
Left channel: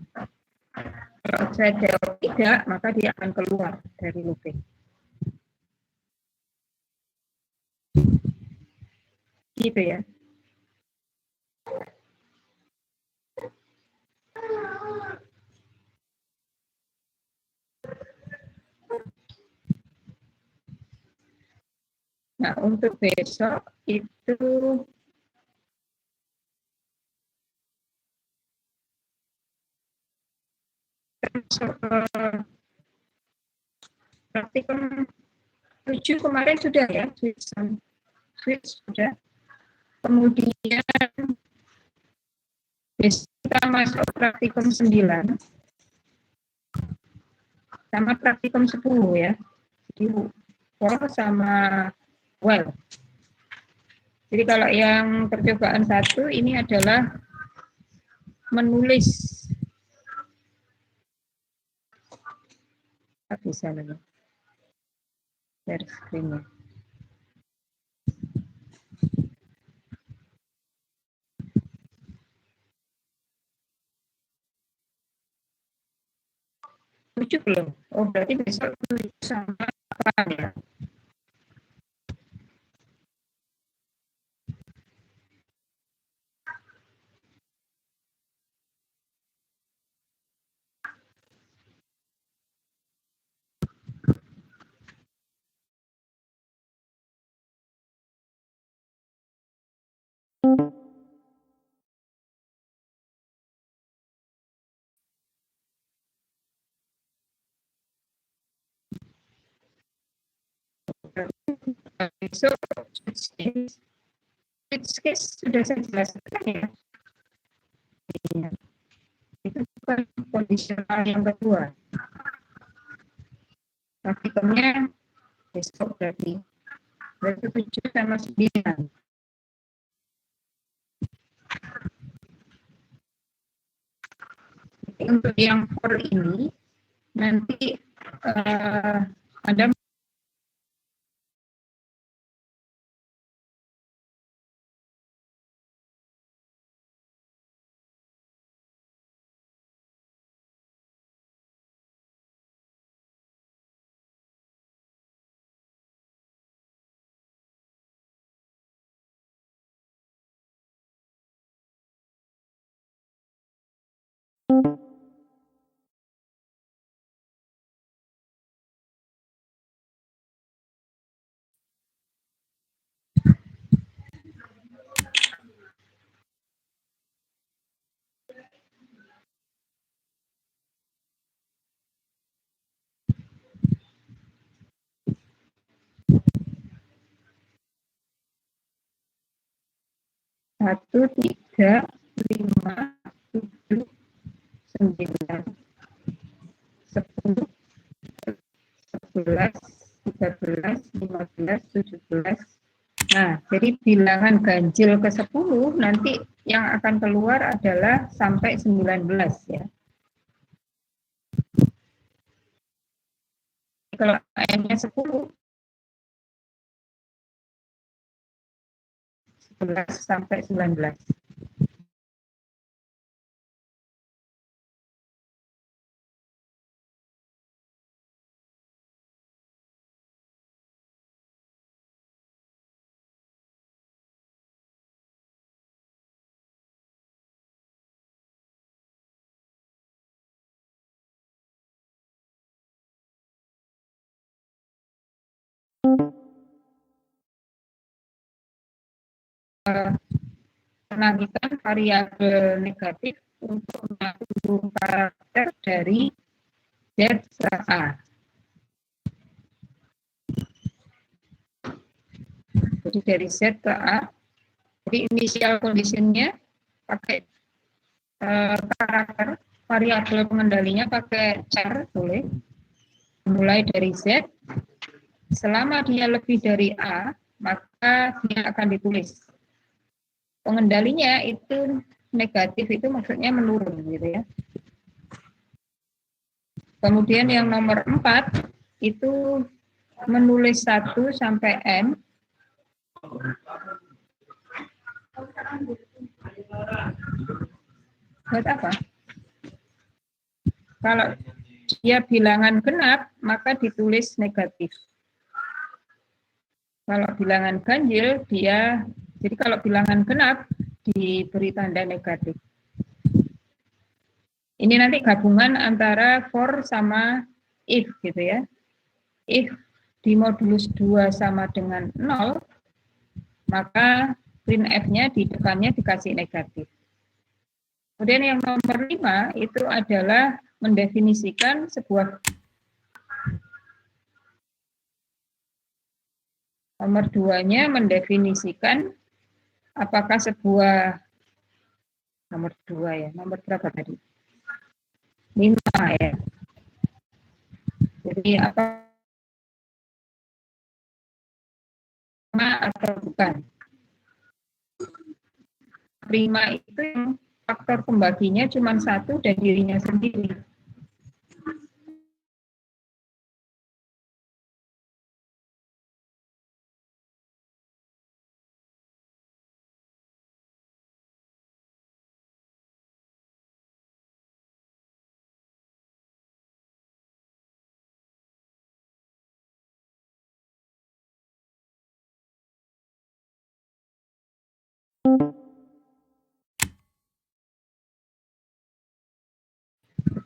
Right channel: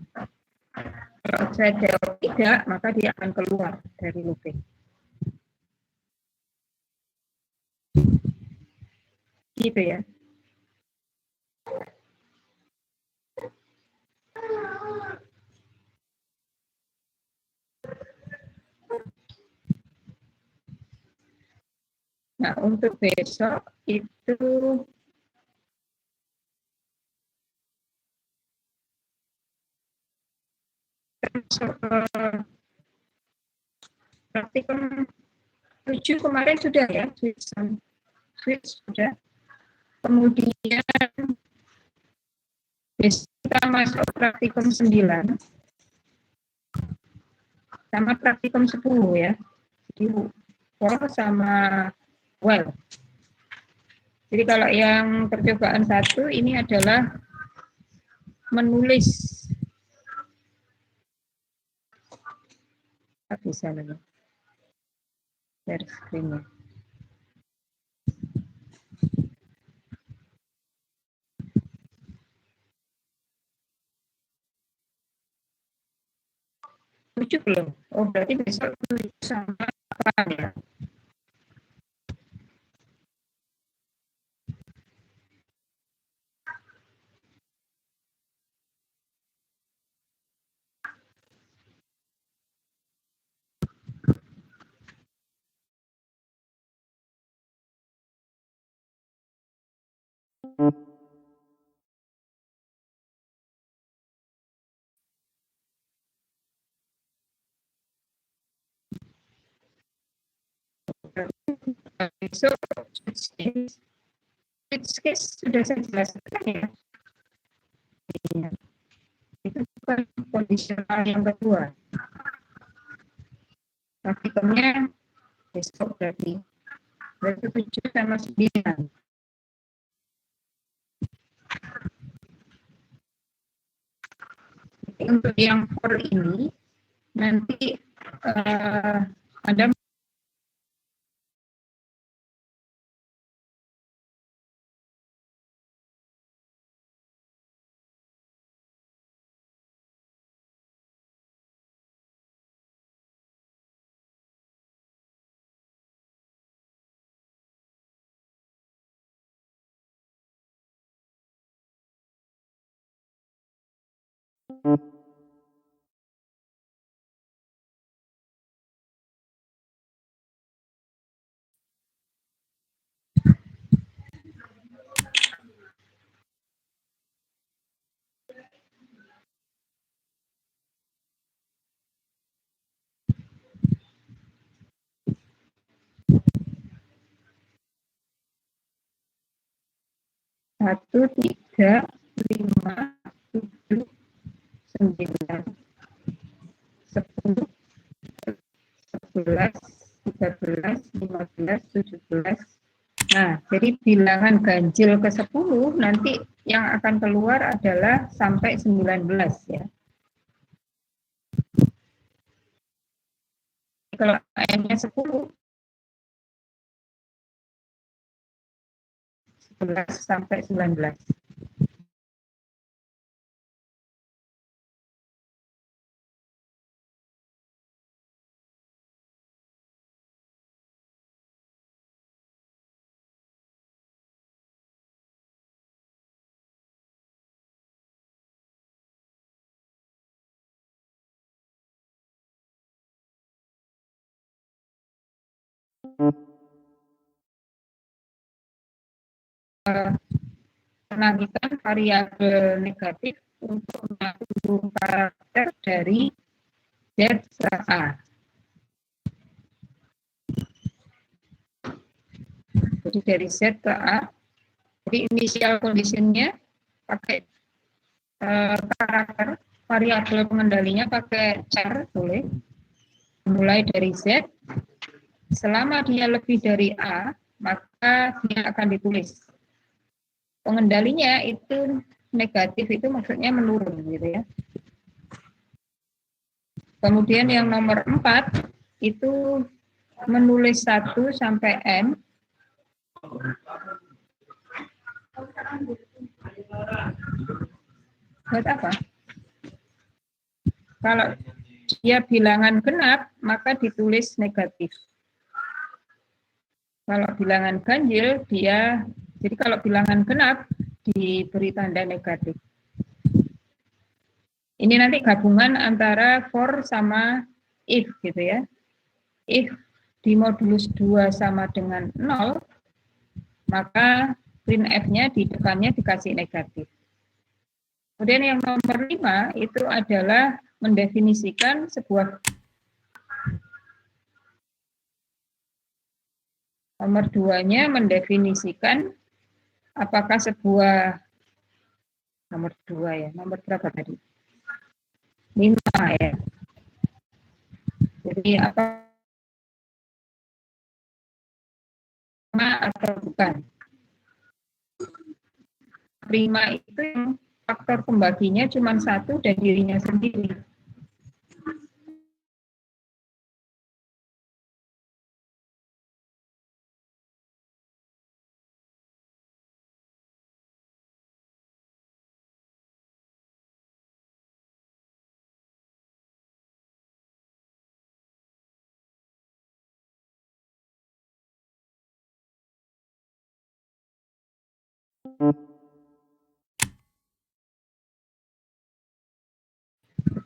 Kalau saya jawab tidak, maka dia akan keluar dari looping. gitu ya. Nah, untuk besok itu masuk praktikum 7 kemarin sudah ya, switch sudah. Kemudian besok kita masuk praktikum 9 sama praktikum 10 ya. Jadi sama well. Jadi kalau yang percobaan 1 ini adalah menulis. Bisa lagi. Share screen-nya. Tujuh belum? Oh, berarti besok sama apa ya? Besok switch case sudah saya jelaskan ya. Itu bukan kondisional yang kedua. Praktikumnya besok berarti 7 sama 9. Untuk yang for ini nanti Anda satu, 3, 5, 7, 9, 10, 11, 13, 15, 17. Nah, jadi bilangan ganjil ke 10 nanti yang akan keluar adalah sampai 19 ya. Kalau AM-nya 10, 11 sampai 19. Penagihan variabel negatif untuk mengatur karakter dari Z A. Jadi dari Z ke A. Jadi initial conditionnya pakai karakter, variabel pengendalinya pakai char boleh. Mulai dari Z, selama dia lebih dari A, maka dia akan ditulis. Pengendalinya itu negatif, itu maksudnya menurun gitu ya. Kemudian yang nomor 4 itu menulis 1 sampai N. Buat apa? Kalau dia bilangan genap, maka ditulis negatif. Kalau bilangan ganjil, dia Jadi kalau bilangan genap diberi tanda negatif. Ini nanti gabungan antara for sama if gitu ya. If di modulus 2 sama dengan 0, maka printf-nya di depannya dikasih negatif. Kemudian yang nomor 5 itu adalah mendefinisikan sebuah nomor 2-nya mendefinisikan apakah sebuah nomor 2 ya, nomor berapa tadi? 5 ya. Jadi apa atau bukan. Prima itu yang faktor pembaginya cuma satu dan dirinya sendiri.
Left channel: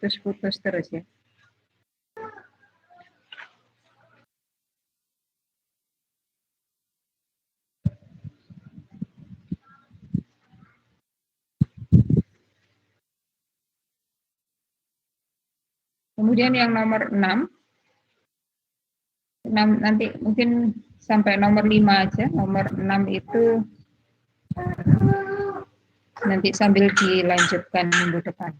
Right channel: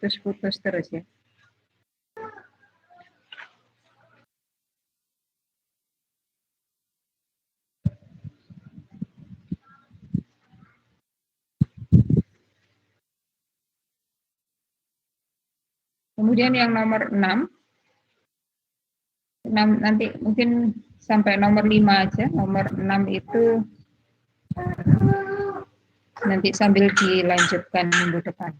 Putus-putus terus ya. Kemudian yang nomor 6, nanti mungkin sampai nomor 5 aja. Nomor 6 itu nanti sambil dilanjutkan minggu depan.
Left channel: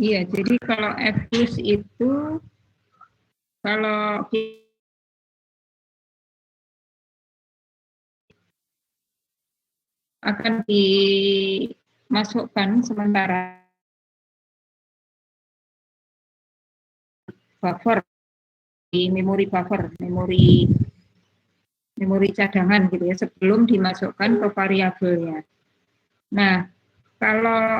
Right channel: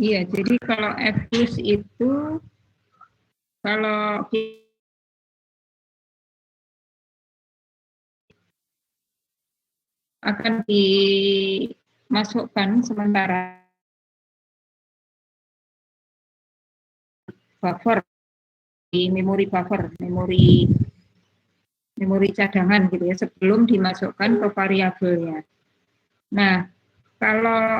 Iya, jadi kalau F plus itu kalau akan dimasukkan sementara buffer di memori buffer, memori cadangan gitu ya sebelum dimasukkan ke variabelnya. Nah, kalau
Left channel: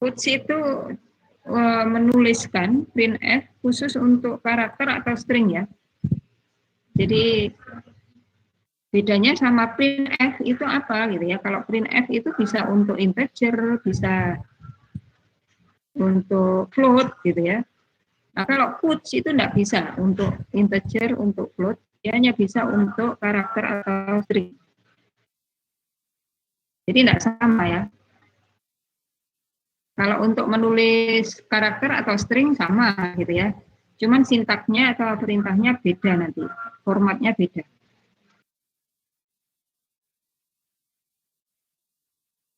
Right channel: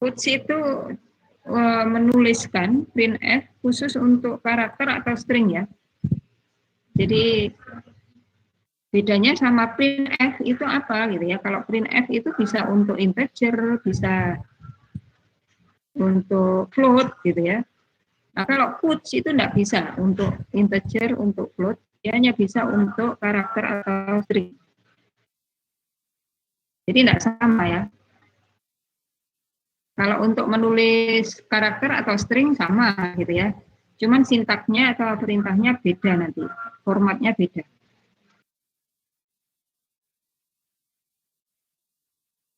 Quotes itu menuliskan printf khusus untuk karakter atau string ya. Jadi bedanya sama printf itu apa gitu ya. Kalau printf itu bisa untuk integer, bisa untuk float gitu ya. Nah, kalau quotes itu tidak bisa untuk integer, untuk float, dia hanya bisa untuk karakter atau string. Jadi tidak sama ya. Kalau untuk menulis karakter atau string sama gitu ya. Cuman sintaknya atau perintahnya beda nanti. Formatnya beda.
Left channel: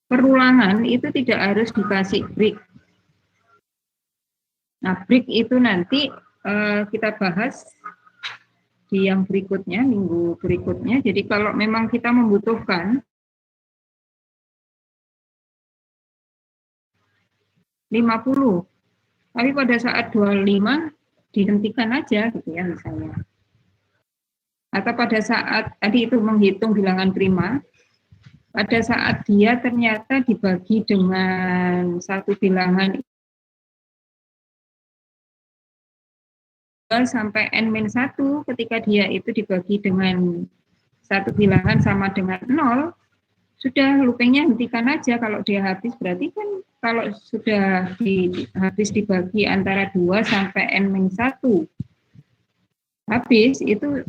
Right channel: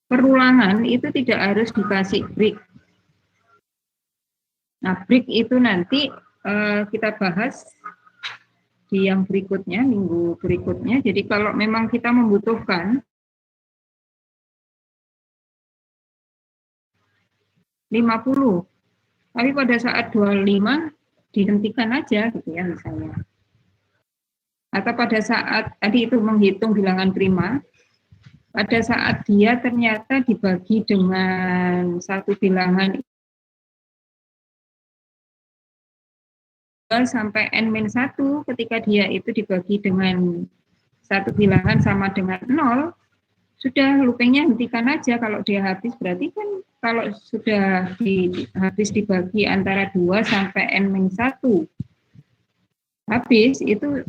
Perulangan itu tidak harus dikasih break. Nah, break itu nanti kita bahas di yang berikutnya, minggu berikutnya. Jadi kalau memang kita membutuhkan 50, tapi pada saat 25 dihentikan aja gitu ya misalnya. Atau pada saat tadi itu menghitung bilangan prima, pada saat dia ternyata dibagi dengan satu bilangan sampai n-1, ketika dia itu dibagi dengan satu bilangan sama dengan 0, sudah loopingnya hentikan aja. Kalau dia habis berarti kan kalau sudah habis dibagi antara 2 sampai n-1 habis itu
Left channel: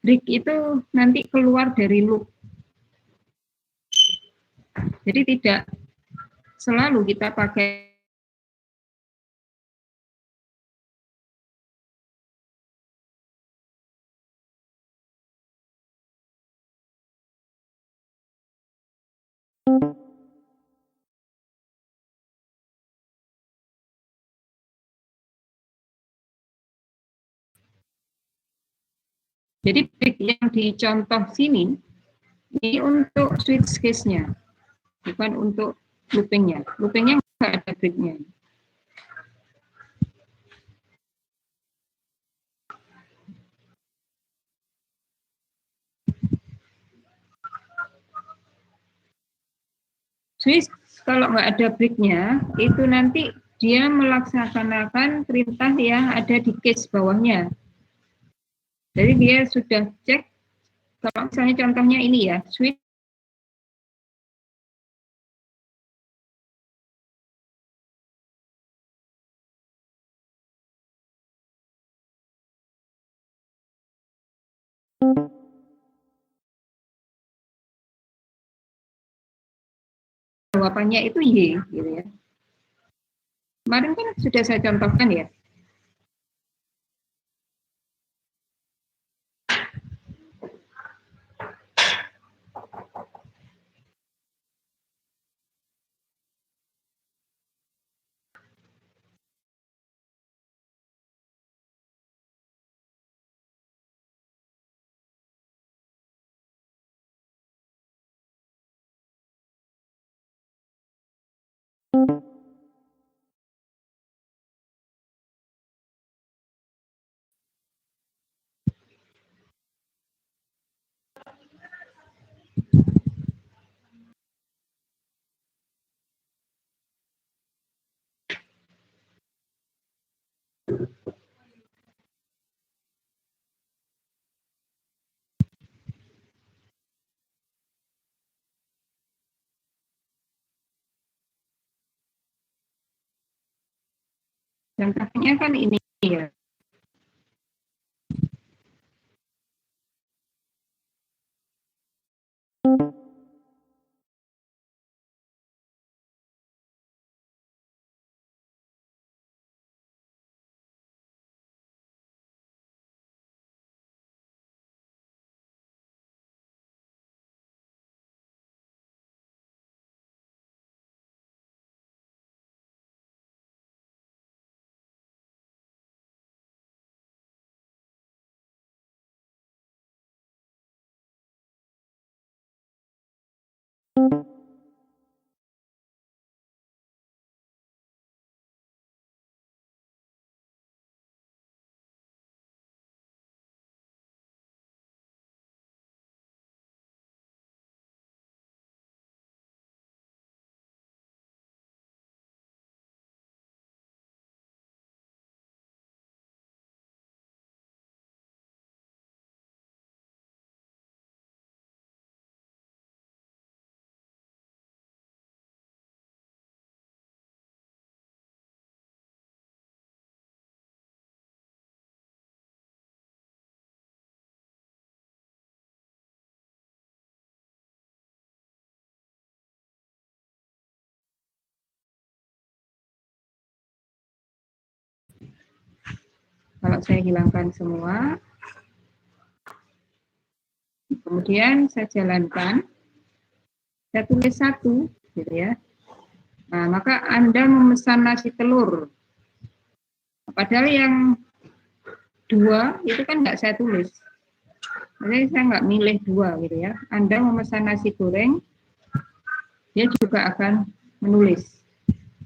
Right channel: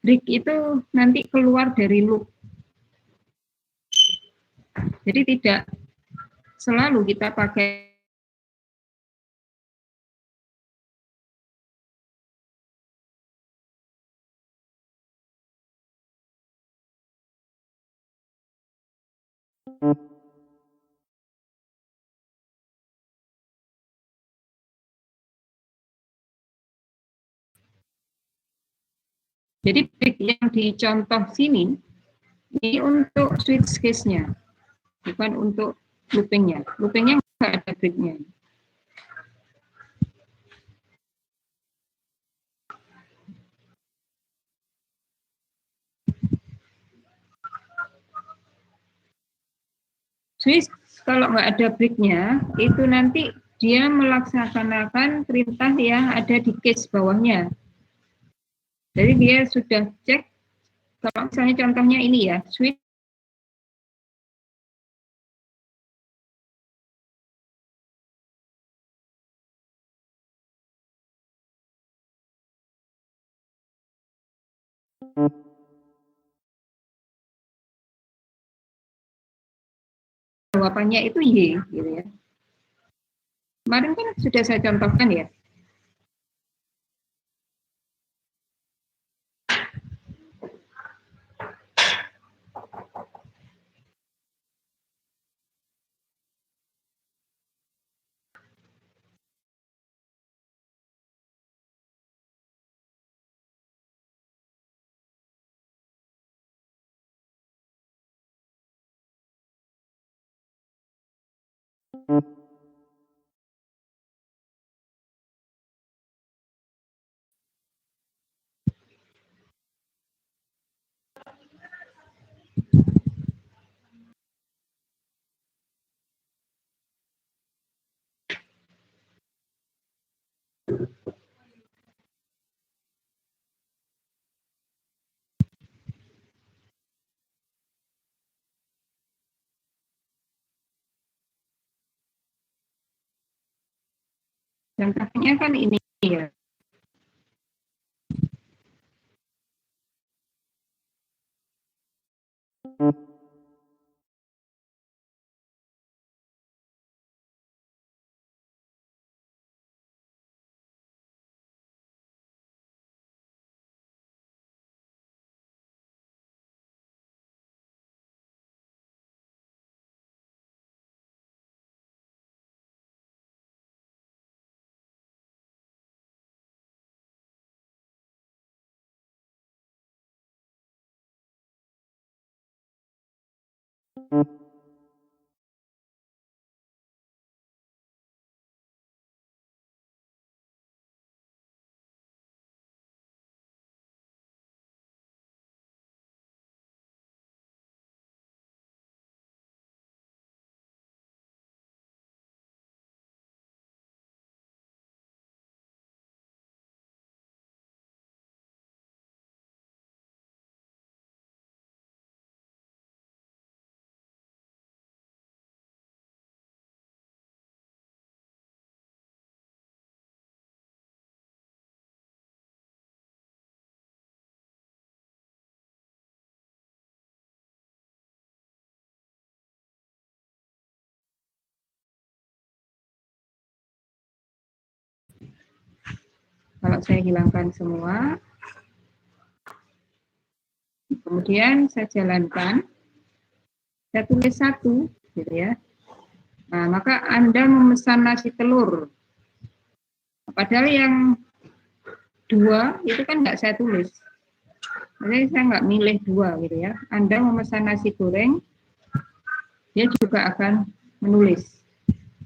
break itu nanti keluar dari loop. Jadi tidak selalu kita pakai jadi break yang dicontoh sini ini untuk switch case-nya, bukan untuk loopingnya. Loopingnya nggak ada break-nya. Switch kalau nggak ada break-nya, itu nanti dia melaksanakan perintah yang ada di case bawahnya. Jadi dia sudah cek, kalau misalnya contohnya ini ya, switch jawabannya itu Y, gitu ya. Kemarin kan sudah saya contohkan ya. Contohnya kan ini ya. Kalau saya hilangkan semua, kemudian saya jalankan, saya tulis 1, gitu ya. Nah, maka Anda memesan nasi telur. Padahal yang 2 itu kan nggak saya tulis. Jadi saya nggak milih 2 gitu ya. Anda memesan nasi goreng, dia juga akan menulis.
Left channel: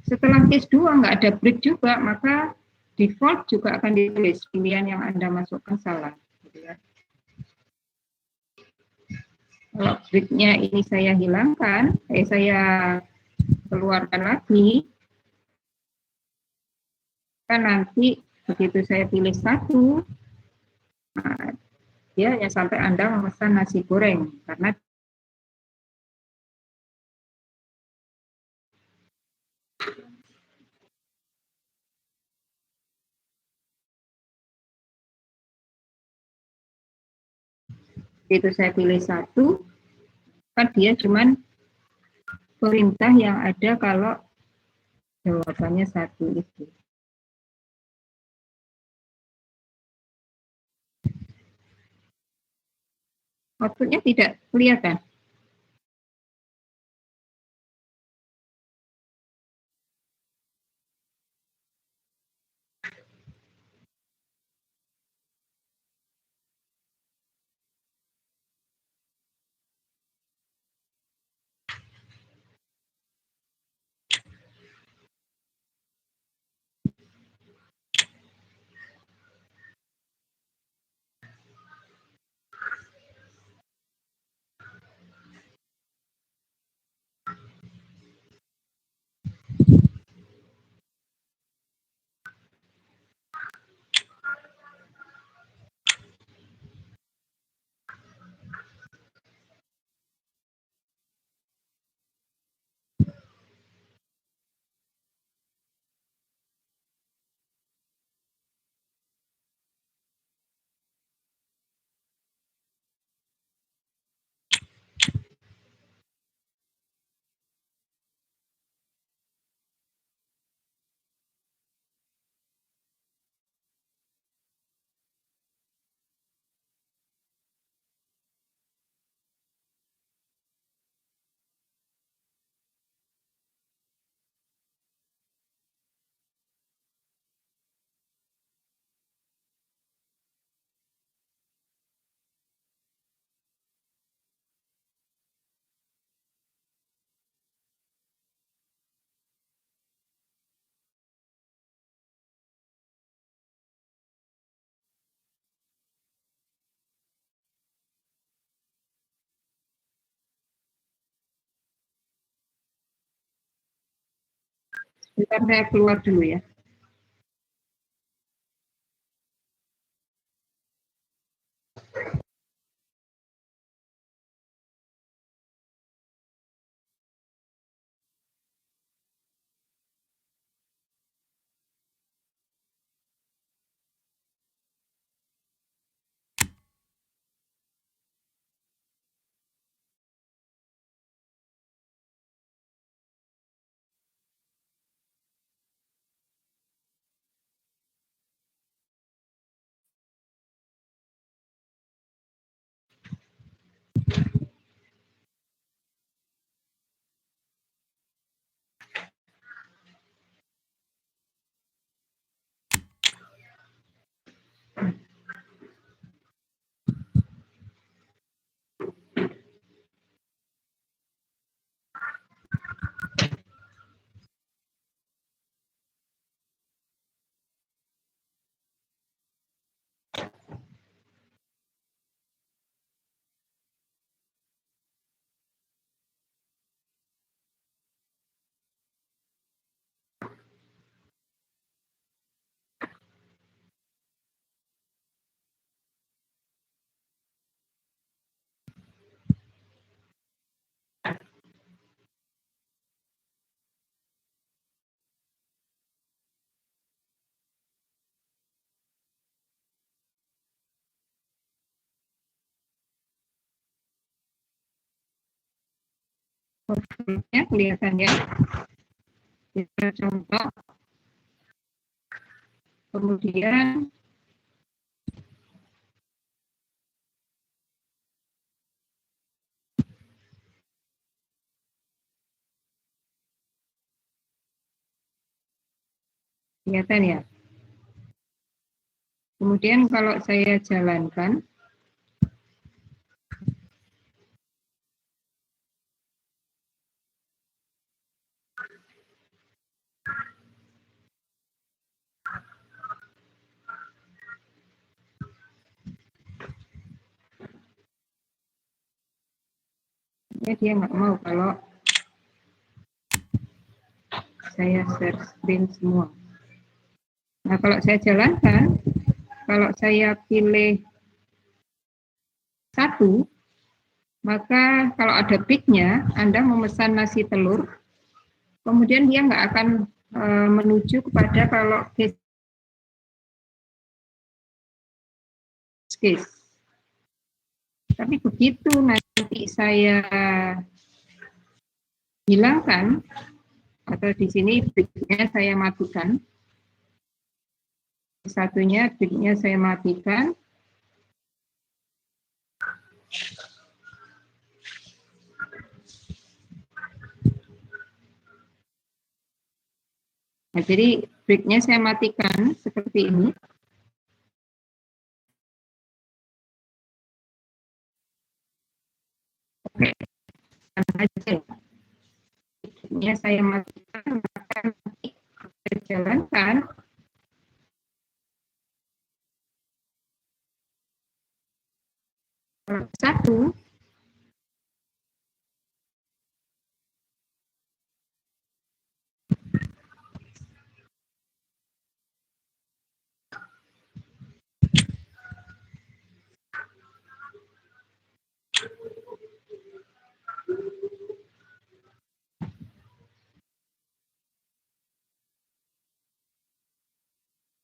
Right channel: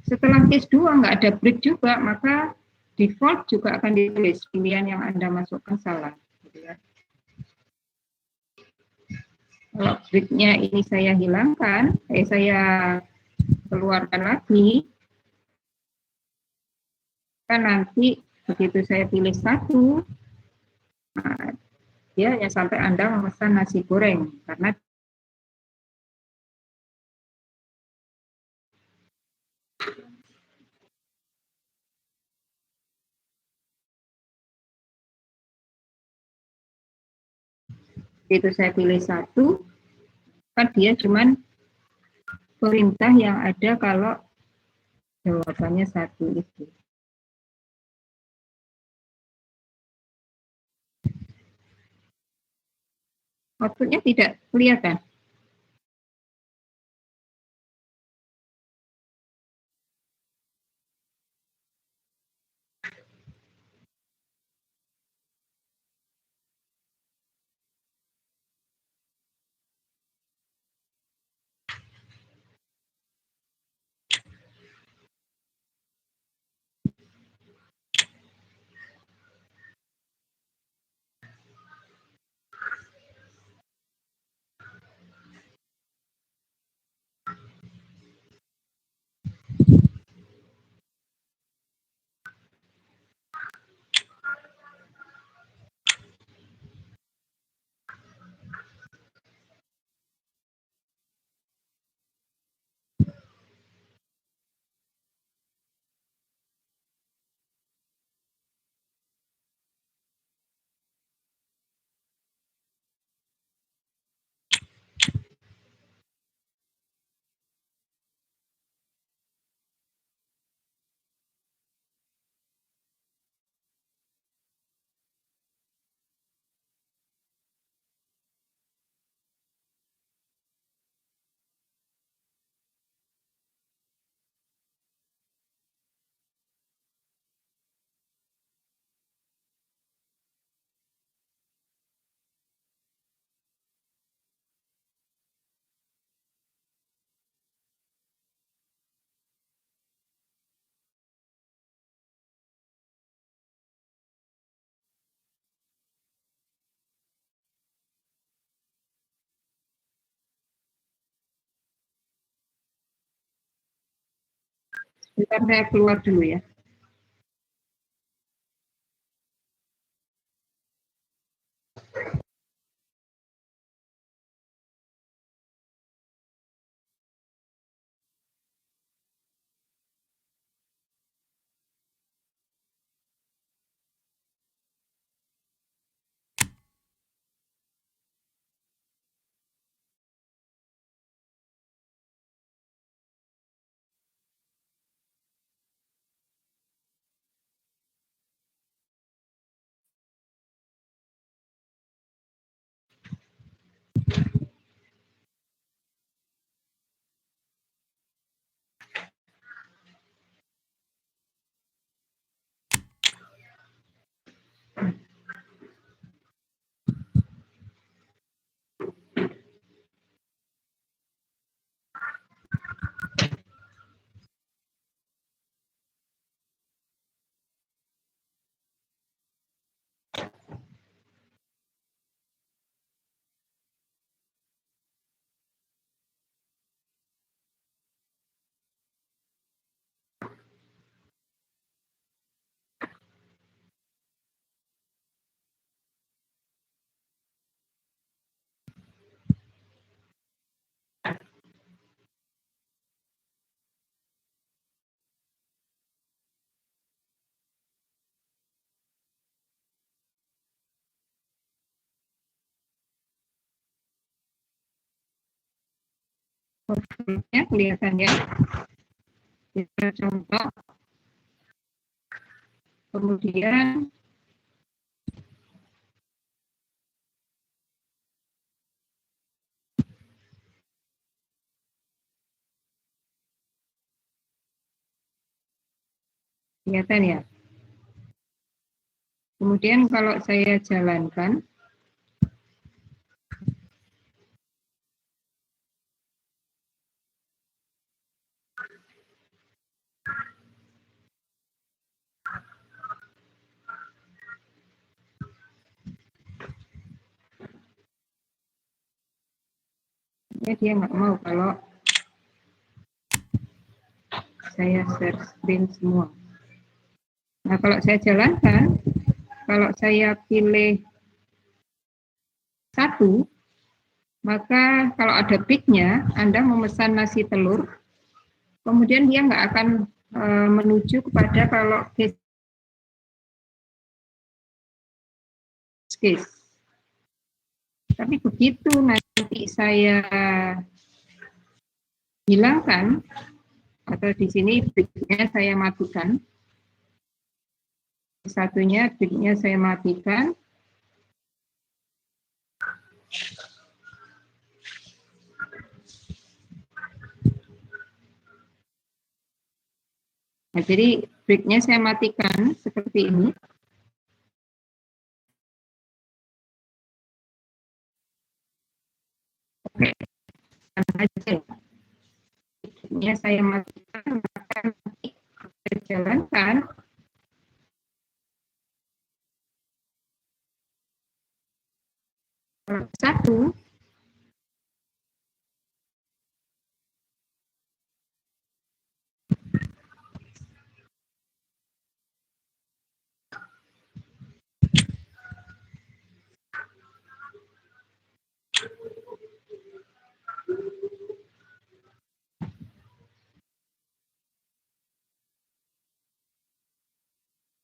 Setelah case 2 nggak ada break juga, maka default juga akan ditulis pilihan yang Anda masukkan salah. Gitu ya. Kalau breaknya ini saya hilangkan, saya keluarkan lagi, kan nanti begitu saya pilih 1, nah, dia hanya sampai Anda memesan nasi goreng, karena begitu saya pilih 1, kan dia cuman perintah yang ada kalau jawabannya 1 itu. Outputnya tidak kelihatan. Bentar saya keluar dulu ya. Ya, kelihatan ya. Kita contoh. Kemudian Kelihatan ya. Kemudian kalau saya jalankan, ya dia nggak mau kalau saya share screen semua. Nah, kalau saya jalankan, kalau saya pilih satu, maka kalau ada pick-nya, Anda memesan nasi telur, kemudian dia nggak akan menuju kepada kalau case. Tapi begitu nanti saya hilangkan, atau di sini pick-nya saya matikan, satunya pick-nya saya matikan, nah, jadi break-nya saya matikan seperti ini. Oke, aja. Break-nya saya matikan, maka nanti saya jalankan. Satu,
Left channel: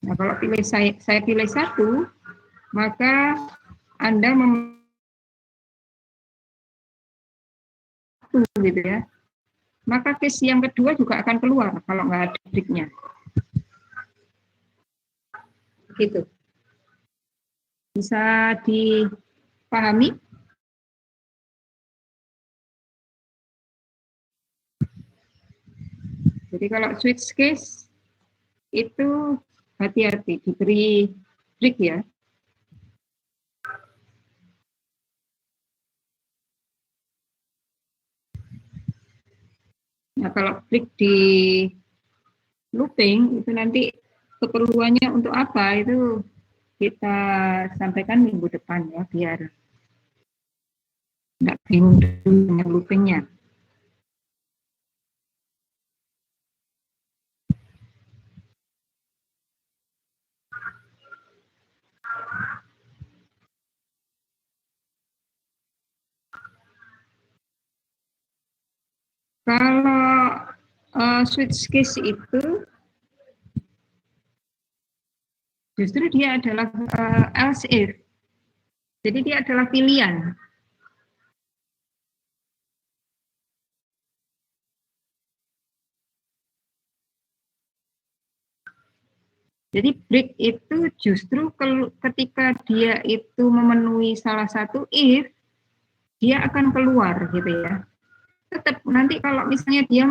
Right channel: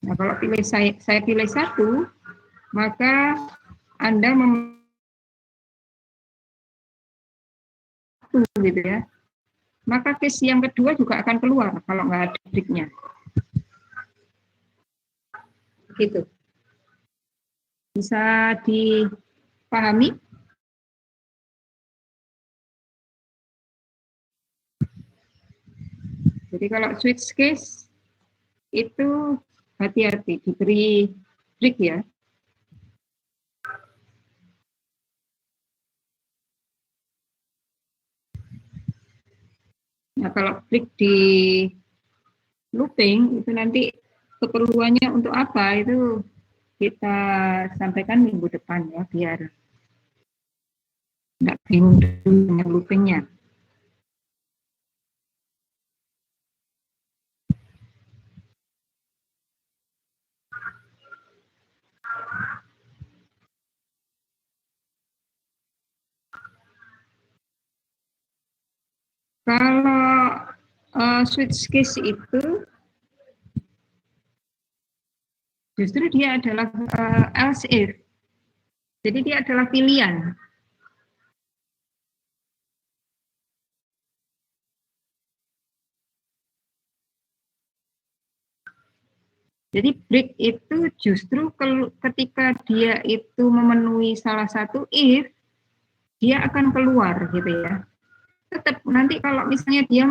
nah kalau pilih saya pilih satu, maka Anda gitu ya. Maka case yang kedua juga akan keluar kalau nggak ada break-nya. Gitu. Bisa dipahami? Jadi kalau switch case itu hati-hati diberi break ya. Nah, kalau break di looping itu nanti keperluannya untuk apa itu kita sampaikan minggu depan ya, biar nggak bingung dengan loopingnya. Kalau switch case itu justru dia adalah else if. Jadi dia adalah pilihan. Jadi break itu justru ketika dia itu memenuhi salah satu if, dia akan keluar gitu ya. Tetap nanti kalau misalnya dia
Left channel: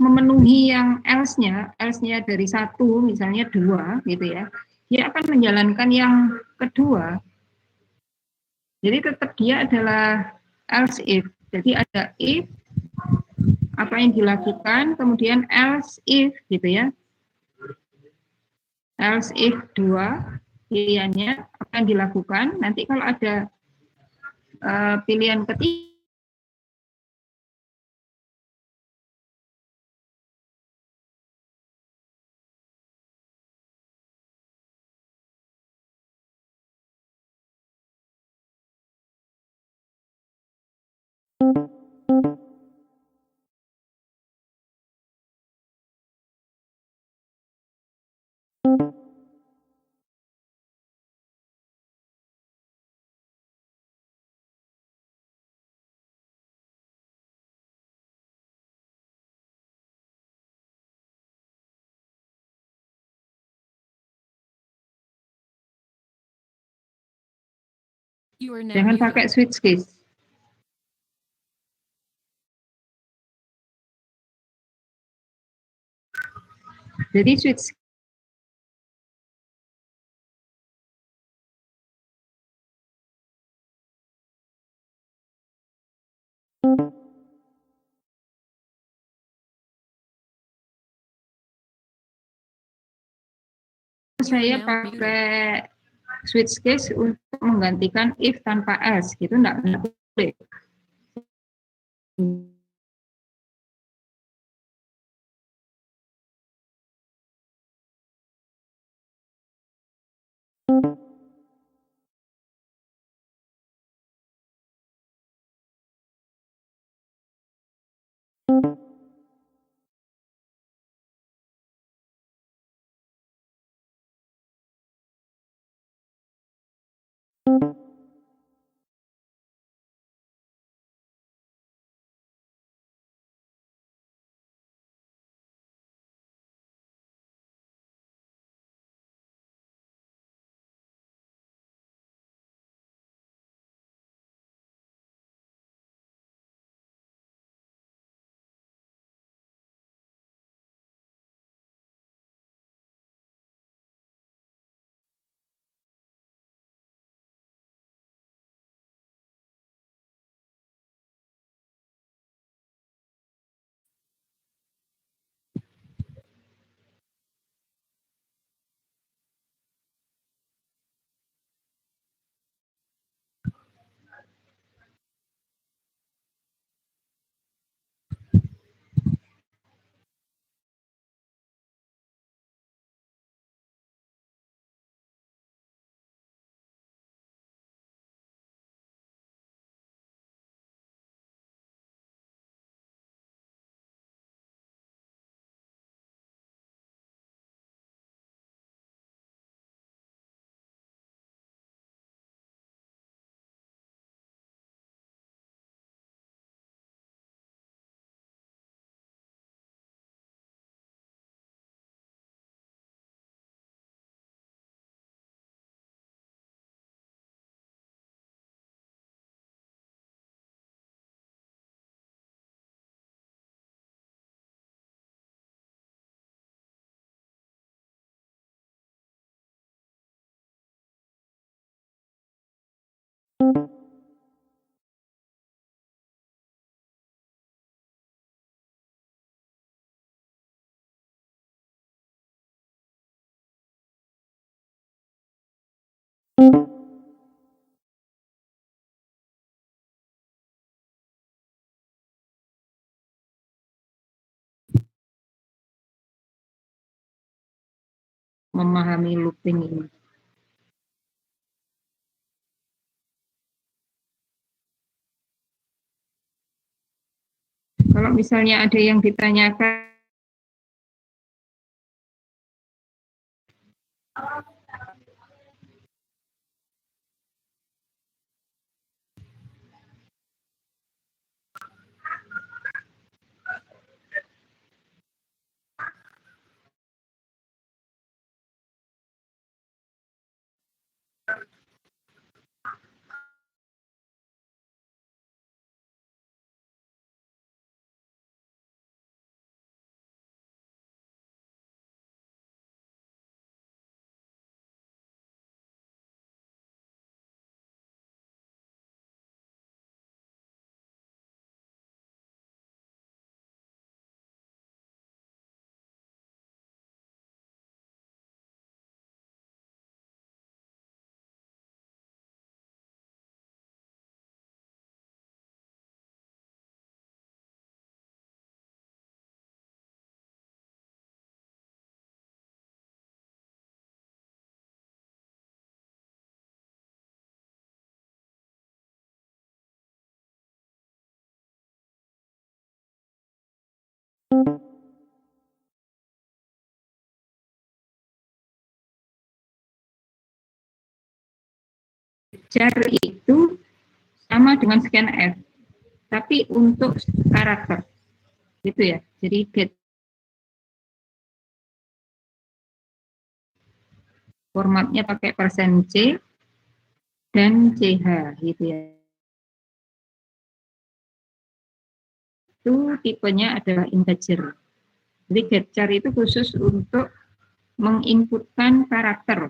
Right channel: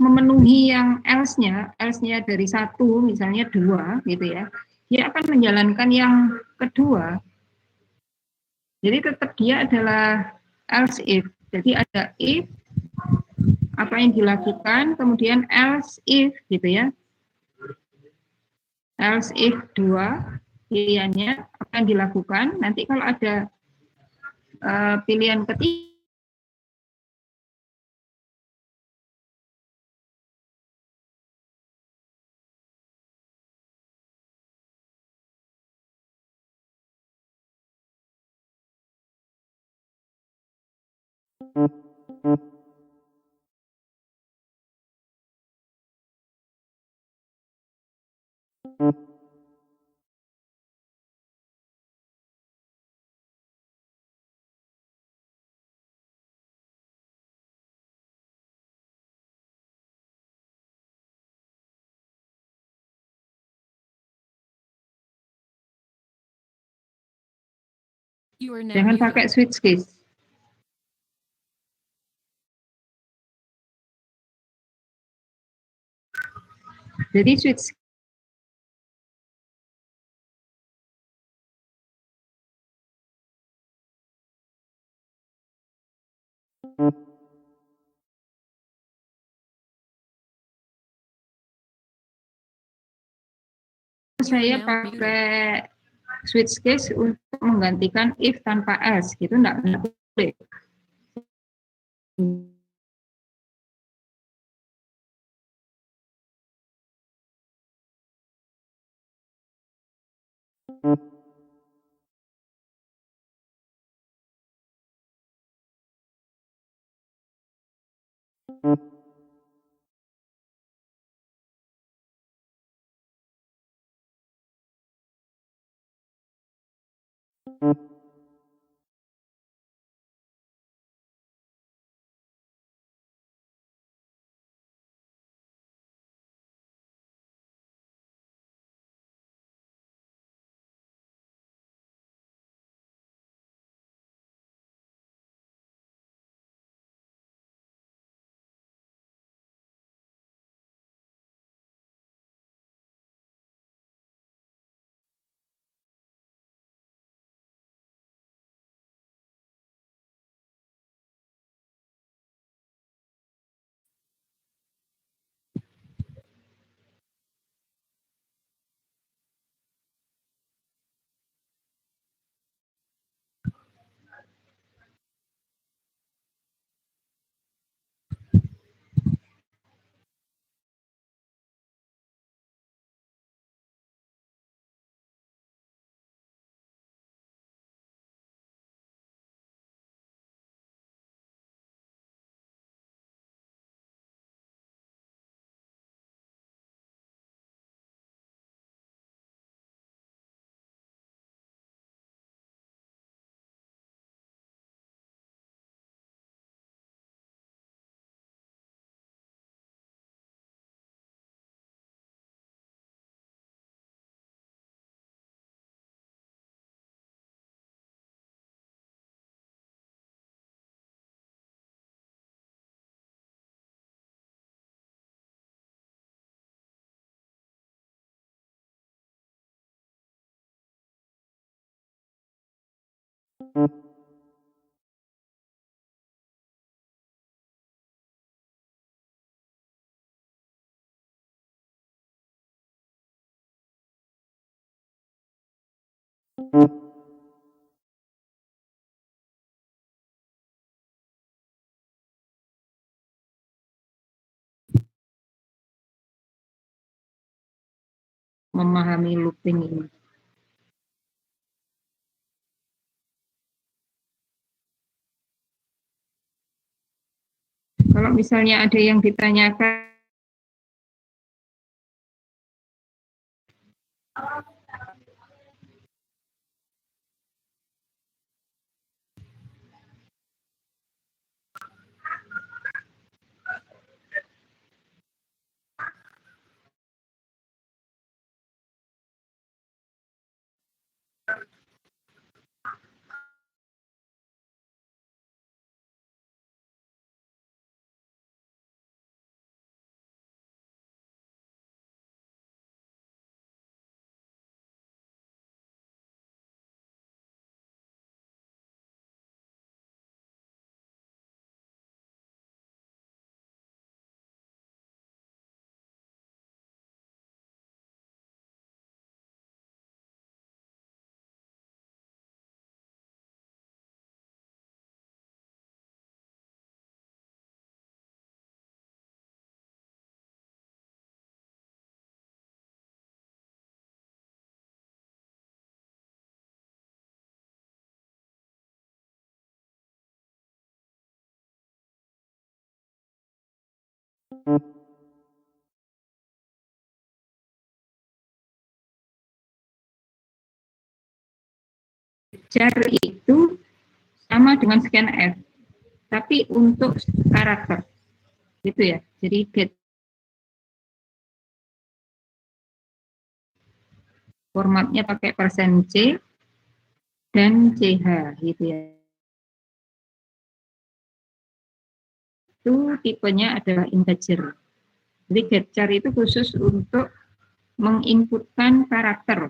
memenuhi yang else-nya dari satu misalnya dua gitu ya, dia akan menjalankan yang kedua. Jadi tetap dia adalah else if. Jadi ada if, apa yang dilakukan, kemudian else if gitu ya. Else if 2 pilihannya apa yang dilakukan. Nanti kalau ada pilihan ketiga, jangan pakai switch case. Jadi switch saya pakai switch case untuk menggantikan if tanpa else, gitu enggak boleh. Memahami looping ini. Kalau misalnya ada yang ditanyakan, jar itu sama dengan scanf, tapi untuk karakter, gitu ya. Jadi get formatnya pakai %C dan CH, gitu ya. Itu tipenya adalah integer, Jadi get-char itu khusus untuk menginputkan karakter.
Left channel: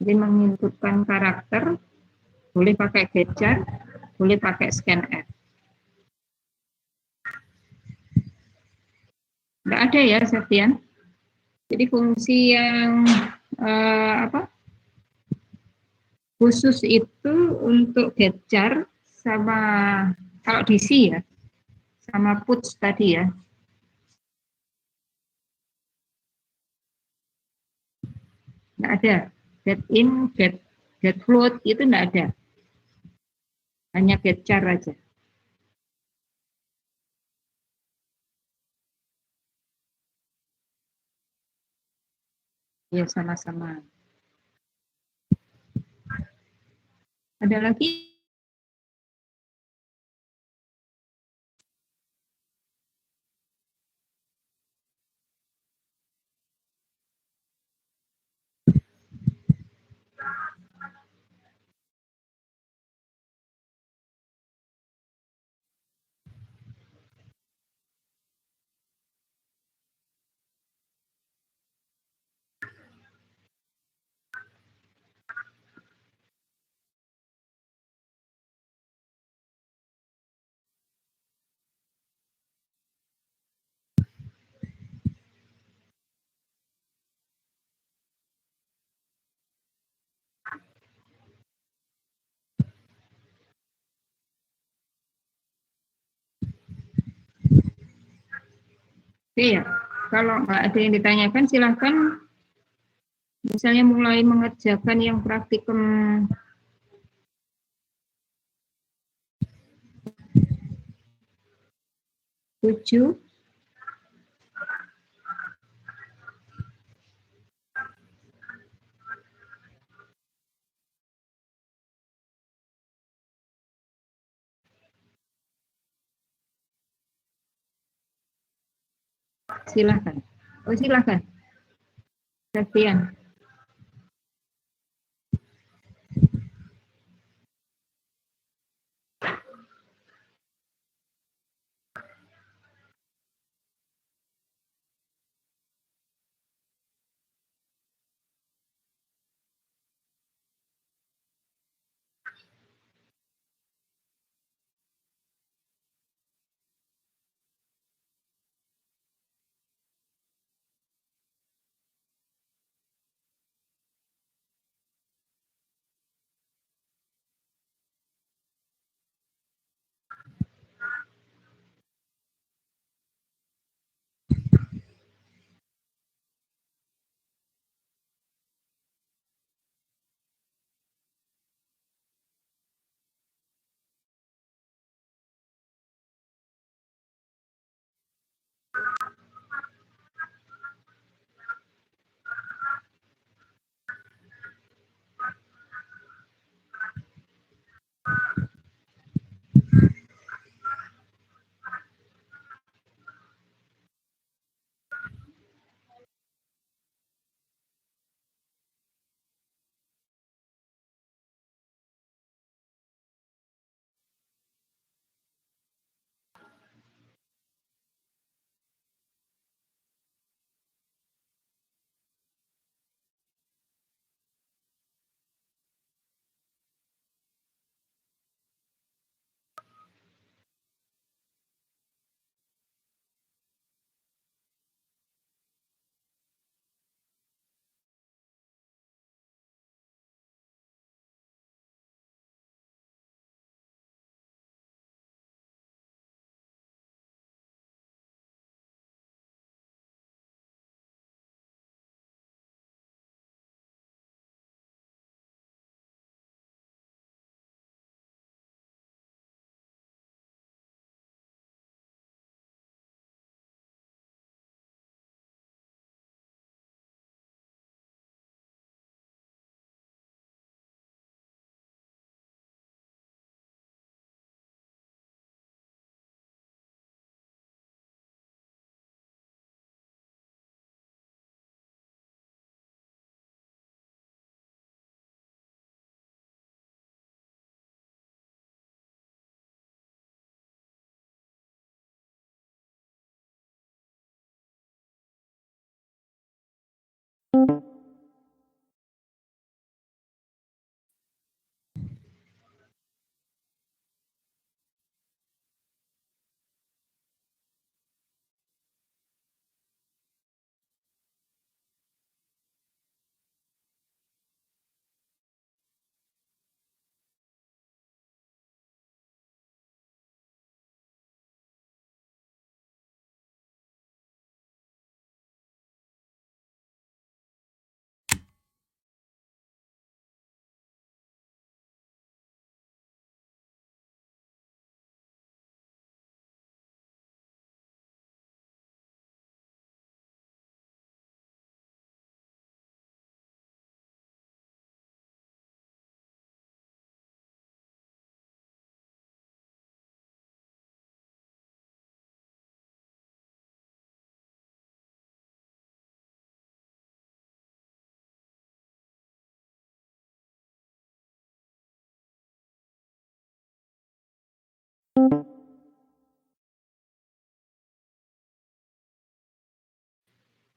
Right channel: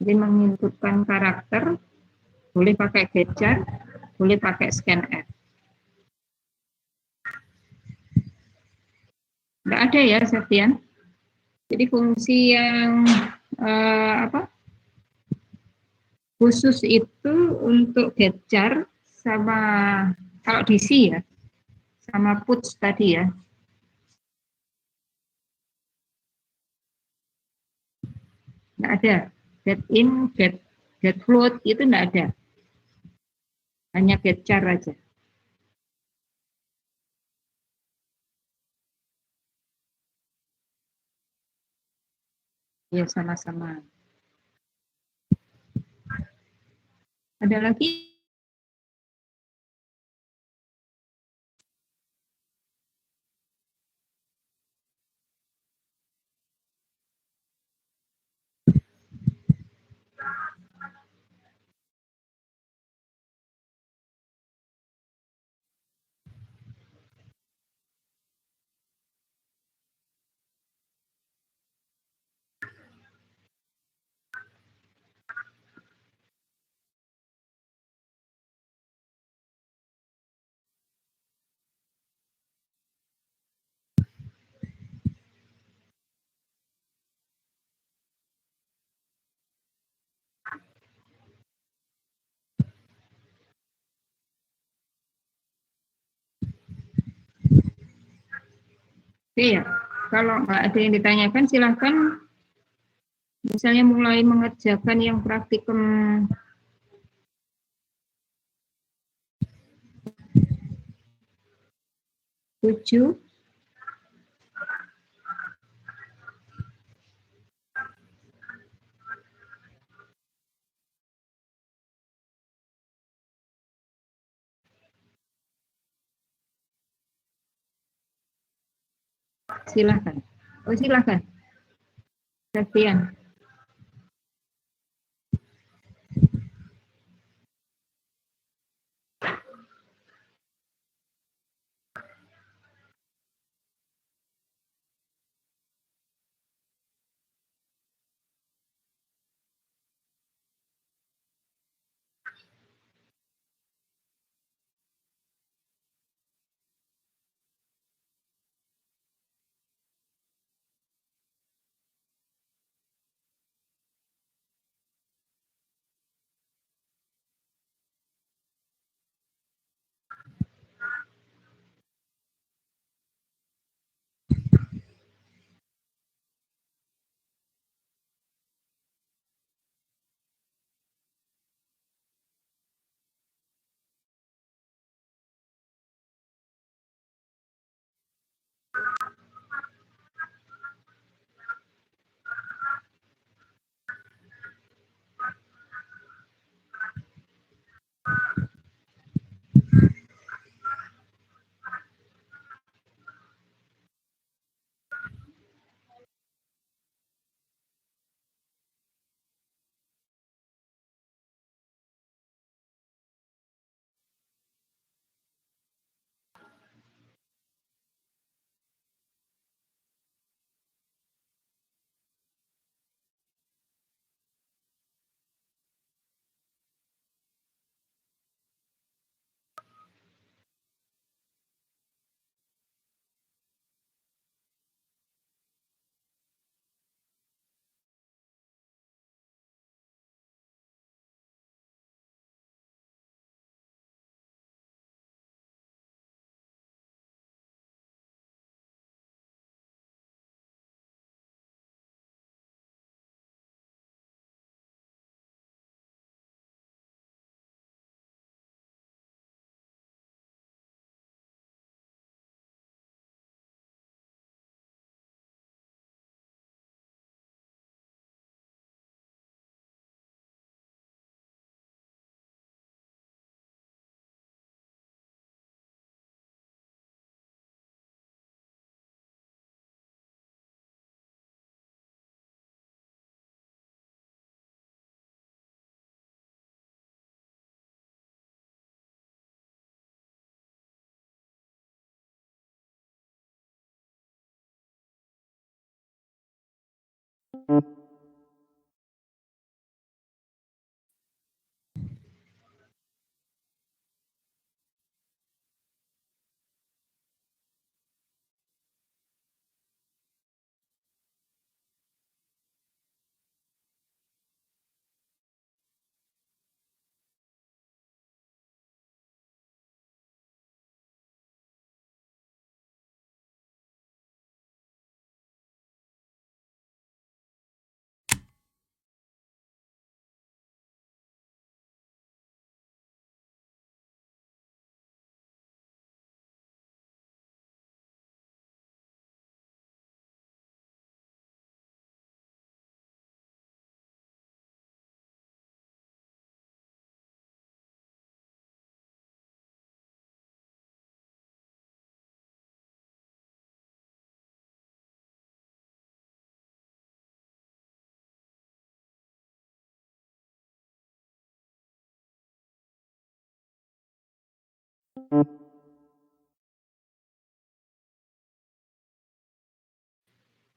Jadi menginputkan karakter, boleh pakai get-char, boleh pakai scanf. Nggak ada ya, Septian? Jadi fungsi yang khusus itu untuk get-char sama kalau DC ya, sama puts tadi ya. Nggak ada. Get in, get float itu nggak ada. Hanya get-char aja. Ya, sama-sama. Ada lagi? Oke ya, kalau nggak ada yang ditanyakan silahkan misalnya mulai mengerjakan yang praktikum 7. Silahkan. Oh, silahkan. Septian.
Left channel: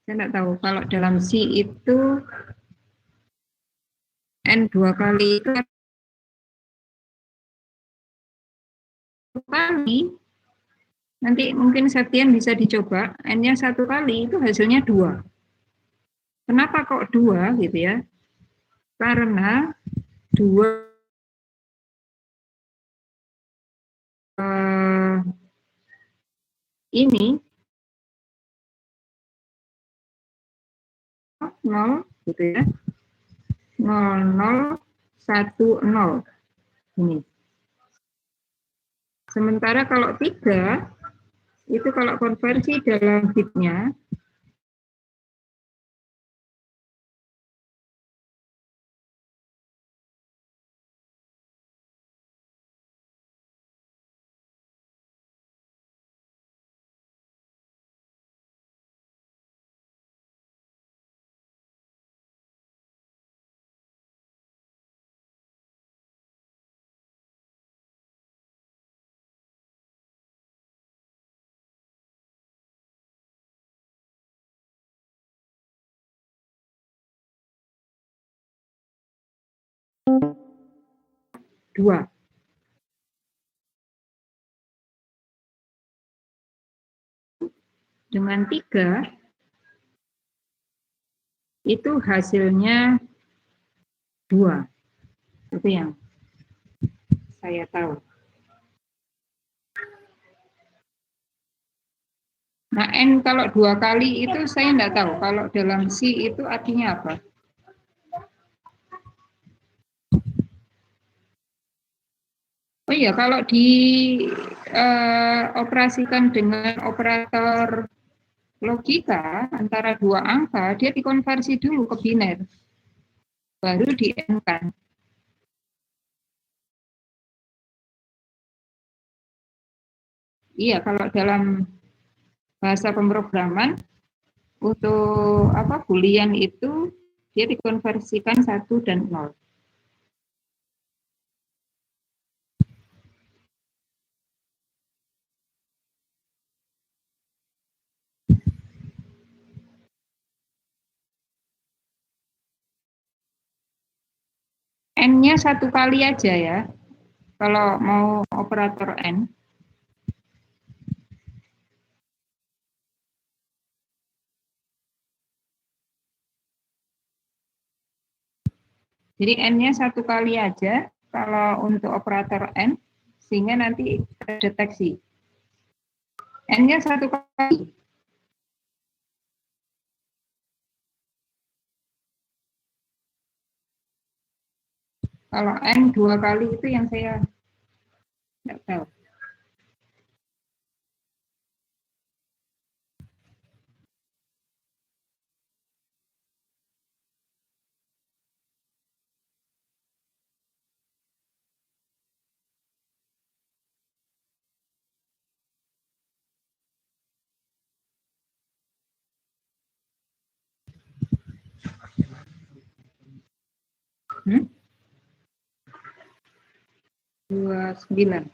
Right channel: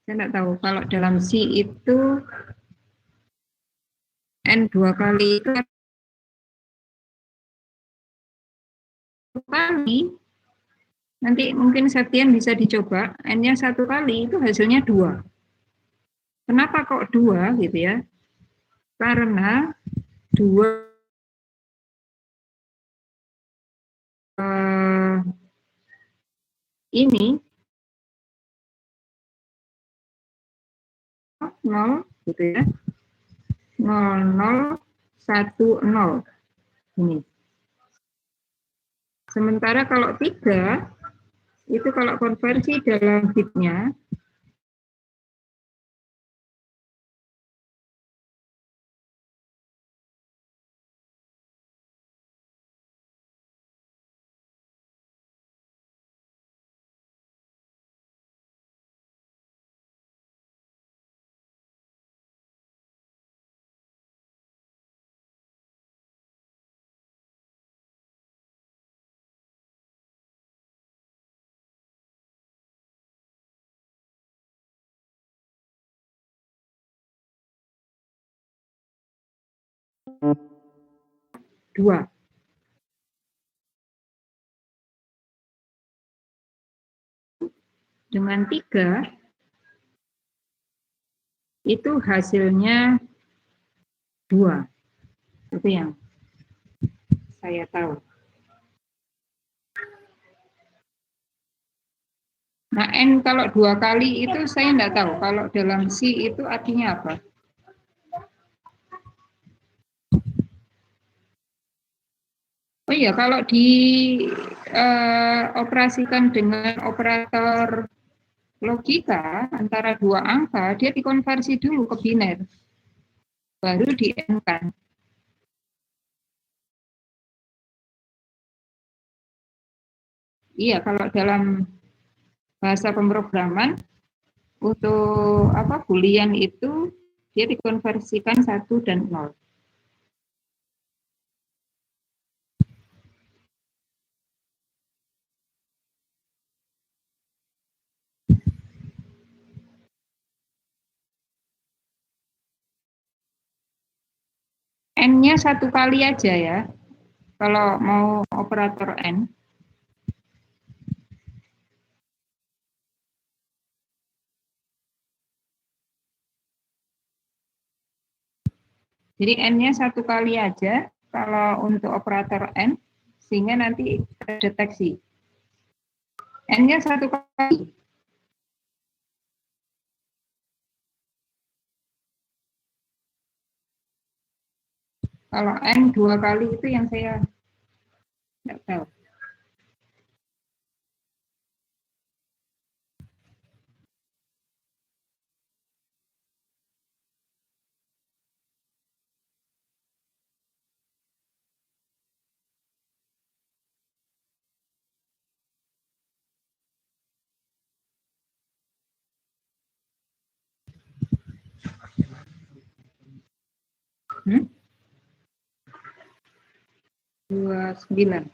Saya tidak tahu kalau dalam C itu N 2 kali itu 1 kali. Nanti mungkin Septian bisa dicoba, N-nya 1 kali itu hasilnya 2. Kenapa kok 2 gitu ya? Karena 2 ini 0 gitu ya. 0010 ini. Sementara kalau 3 itu kalau konversi dalam bitnya dua. Dengan 3 itu hasilnya 2. Itu yang saya tahu. Nah, N kalau 2 kali itu saya tidak tahu. Kalau dalam C itu artinya apa? Oh iya, kalau dioperasikan dengan operator logika antara 2 angka, dia dikonversi dulu ke biner, baru di-N-kan. Iya, kalau dalam bahasa pemrograman untuk Boolean itu dia dikonversikan 1 dan 0. N-nya 1 kali aja ya, kalau mau operator N. Jadi N-nya 1 kali aja kalau untuk operator N, sehingga nanti terdeteksi. N-nya 1 kali. Kalau N 2 kali itu yang saya tidak tahu. Hmm? 29.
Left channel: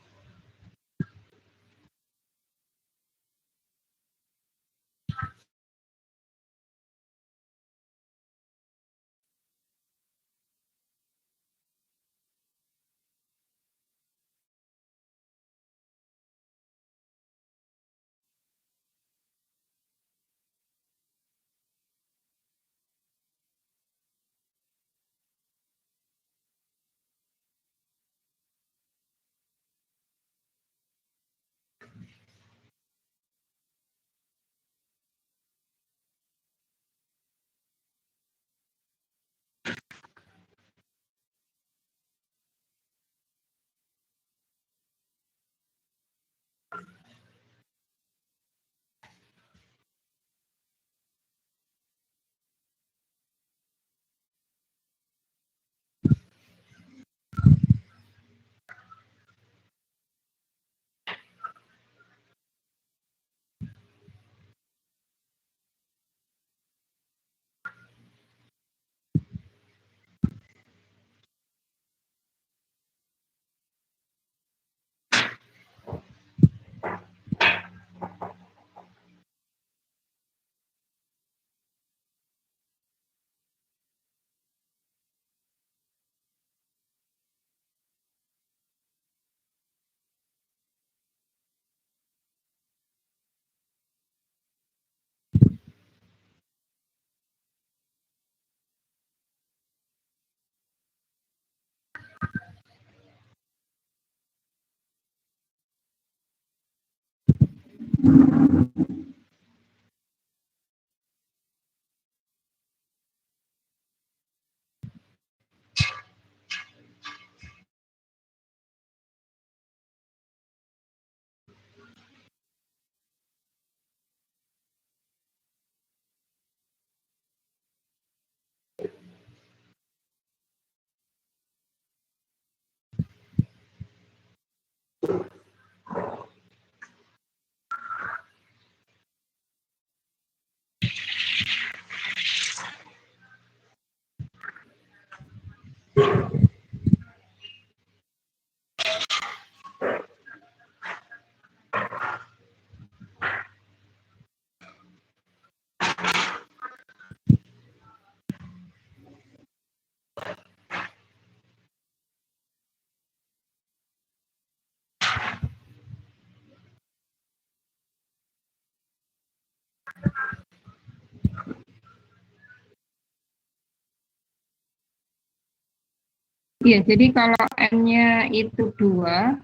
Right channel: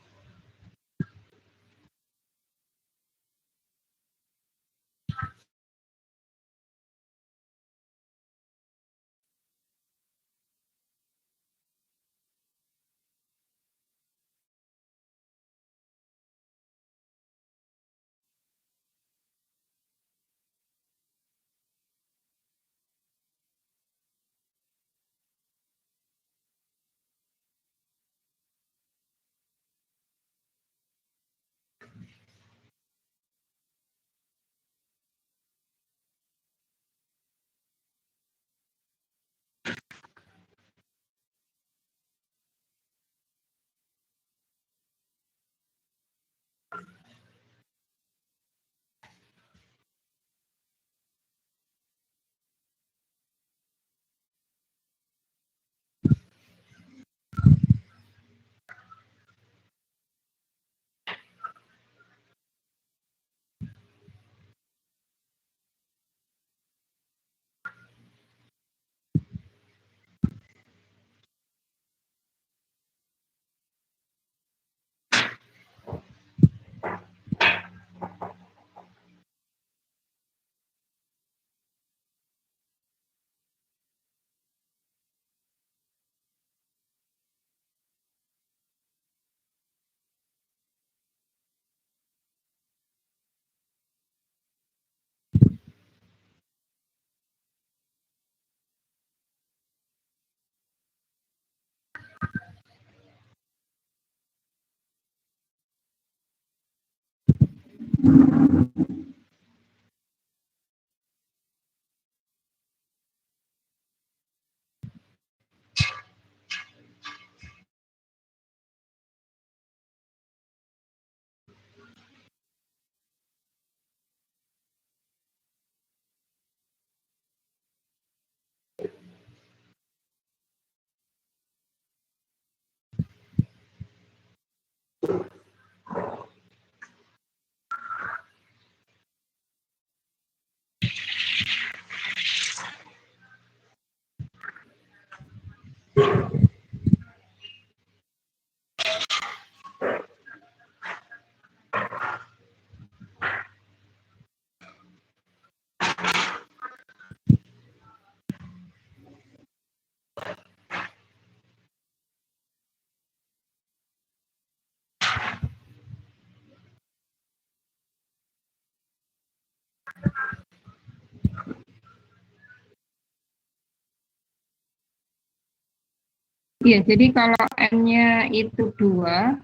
Iya, jadi kalau N-nya itu 2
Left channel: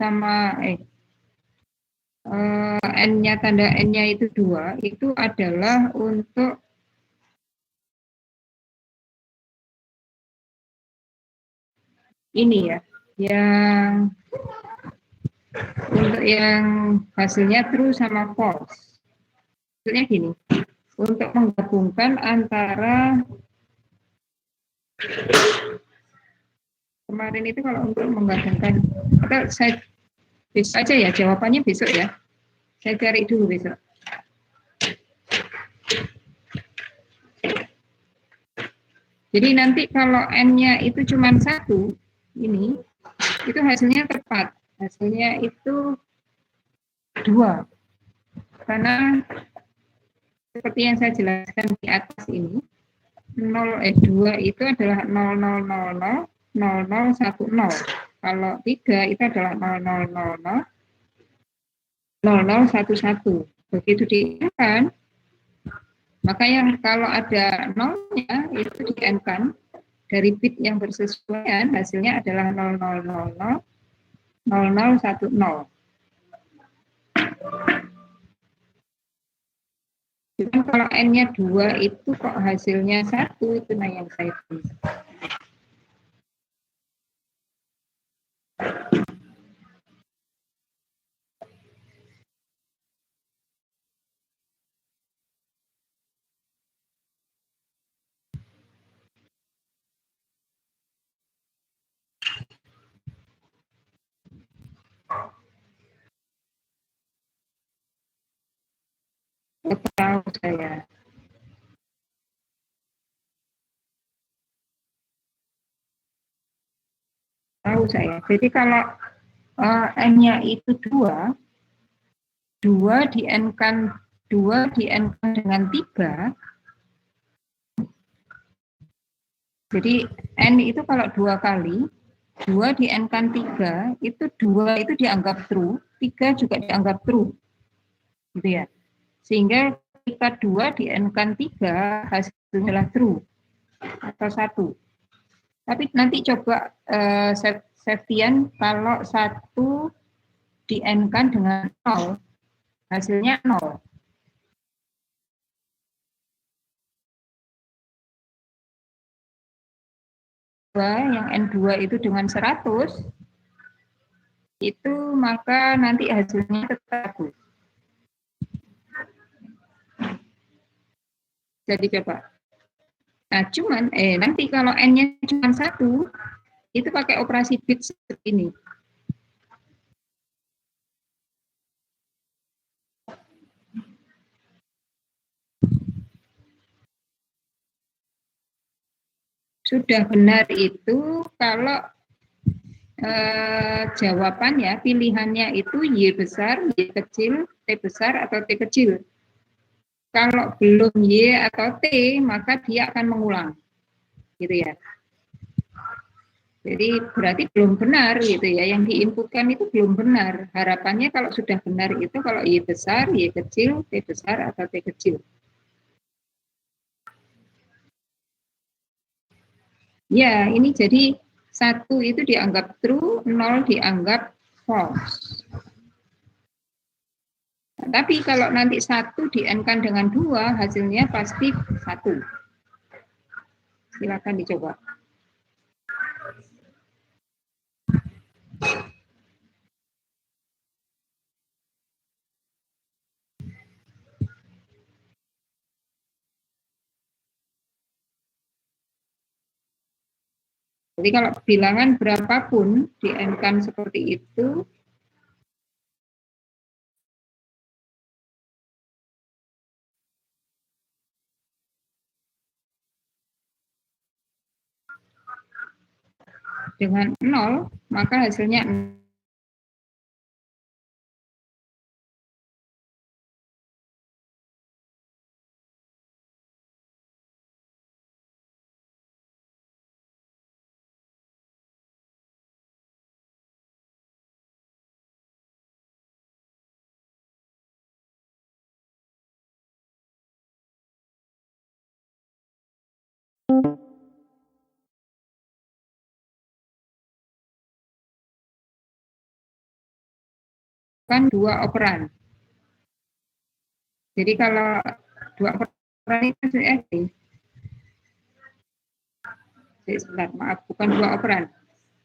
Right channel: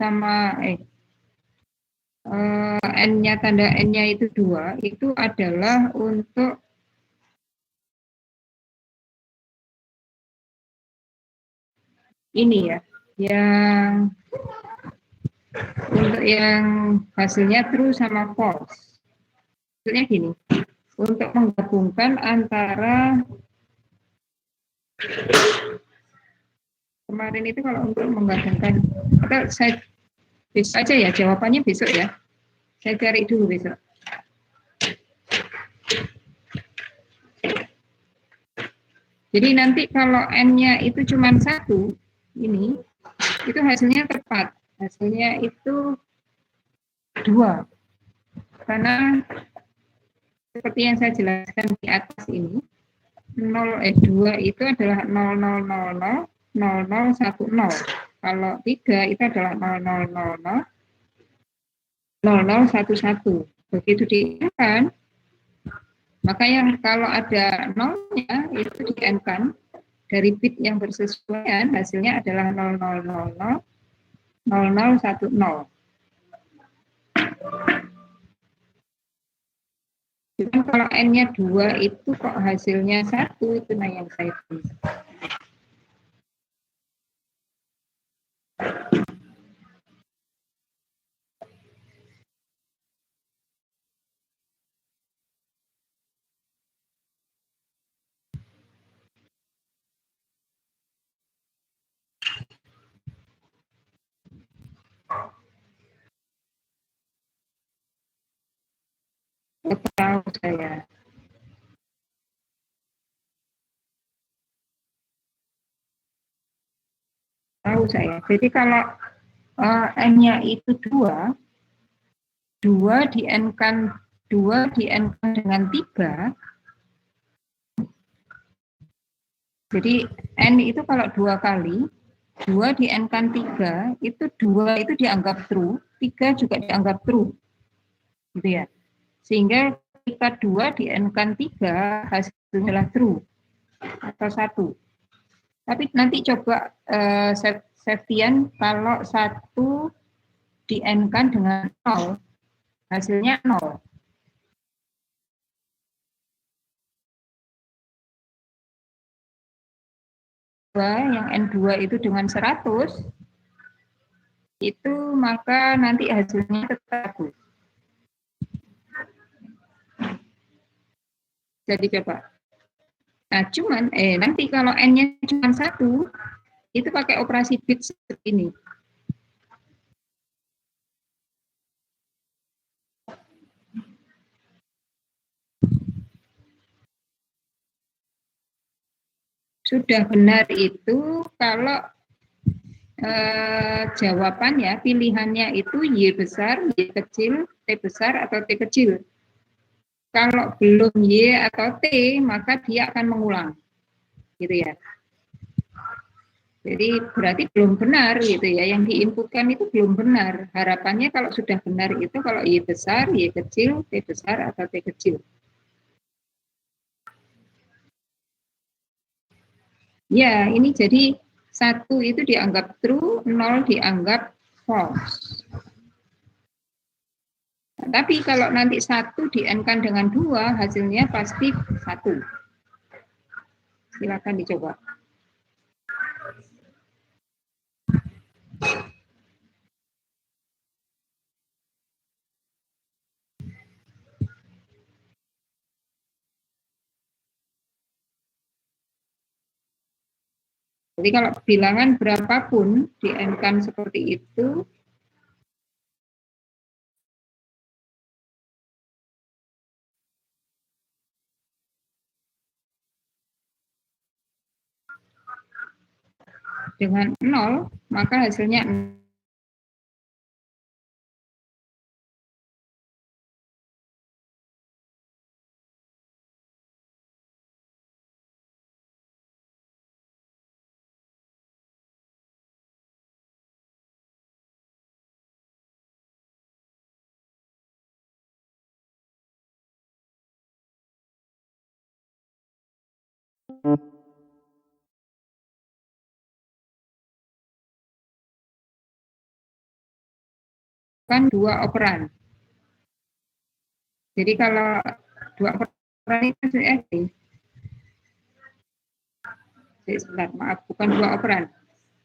sama N-nya tanda N-nya itu 2 itu adalah untuk ini ya, yang untuk yang hasilnya true sama false. Maksudnya gini, untuk menggabungkan antara kemarin itu kalau untuk menggabungkan, atau saya besok aja ya, jawabannya besok ya. Saya cari dulu besok. Jadi nanti kalau N-nya itu cuma 1, ini, itu hasilnya tepat. Hasilnya itu 2. Karena seperti yang saya jelaskan di atas ini, 2 itu adalah 0000 0010. Kalau 3 itu adalah 0000 0011. Begitu di-N-kan, maka yang kalau ada nolnya itu di-N-kan dari bit yang bersesuaian, hasilnya adalah 0000 0010. Cuman kalau N-nya 2 itu kok hasilnya 1, itu nah yang saya tulis. Tahu saya. Tahu saya. Jadi kalau N-nya itu 2, 2 di-N-kan dengan 3. Jadi N itu kalau 2 kali, 2 di-N-kan 3, itu 2 itu dianggap true, 3 juga dianggap true. Gitu ya. Sehingga ketika 2 di-N-kan 3, hasilnya adalah true atau 1. Tapi nanti coba Septian kalau 1 di-N-kan dengan 0, hasilnya 0. Yang N2 itu dengan 100, itu maka nanti hasilnya tetap 1. Jadi coba. Nah, cuman nanti kalau N-nya cuma 1, itu pakai operasi bit seperti ini. Sudah benar itu kalau jawabannya, pilihannya itu Y besar, Y kecil, T besar, atau T kecil. Kalau belum Y atau T, maka dia akan mengulang. Gitu ya. Jadi berarti belum benar gitu ya, yang diinputkan itu belum benar. Harapannya kalau sudah benar itu kalau Y besar, Y kecil, T besar, atau T kecil. Ya, ini jadi 1 itu dianggap true, 0 dianggap false. Tapi kalau nanti 1 di-N-kan dengan 2, hasilnya pasti 1. Silakan dicoba. Jadi kalau bilangan berapapun di-N-kan seperti itu, dengan 0, maka hasilnya 0. Kan 2 operan. Jadi kalau 2 operan itu sebentar, maaf, bukan 2 operan.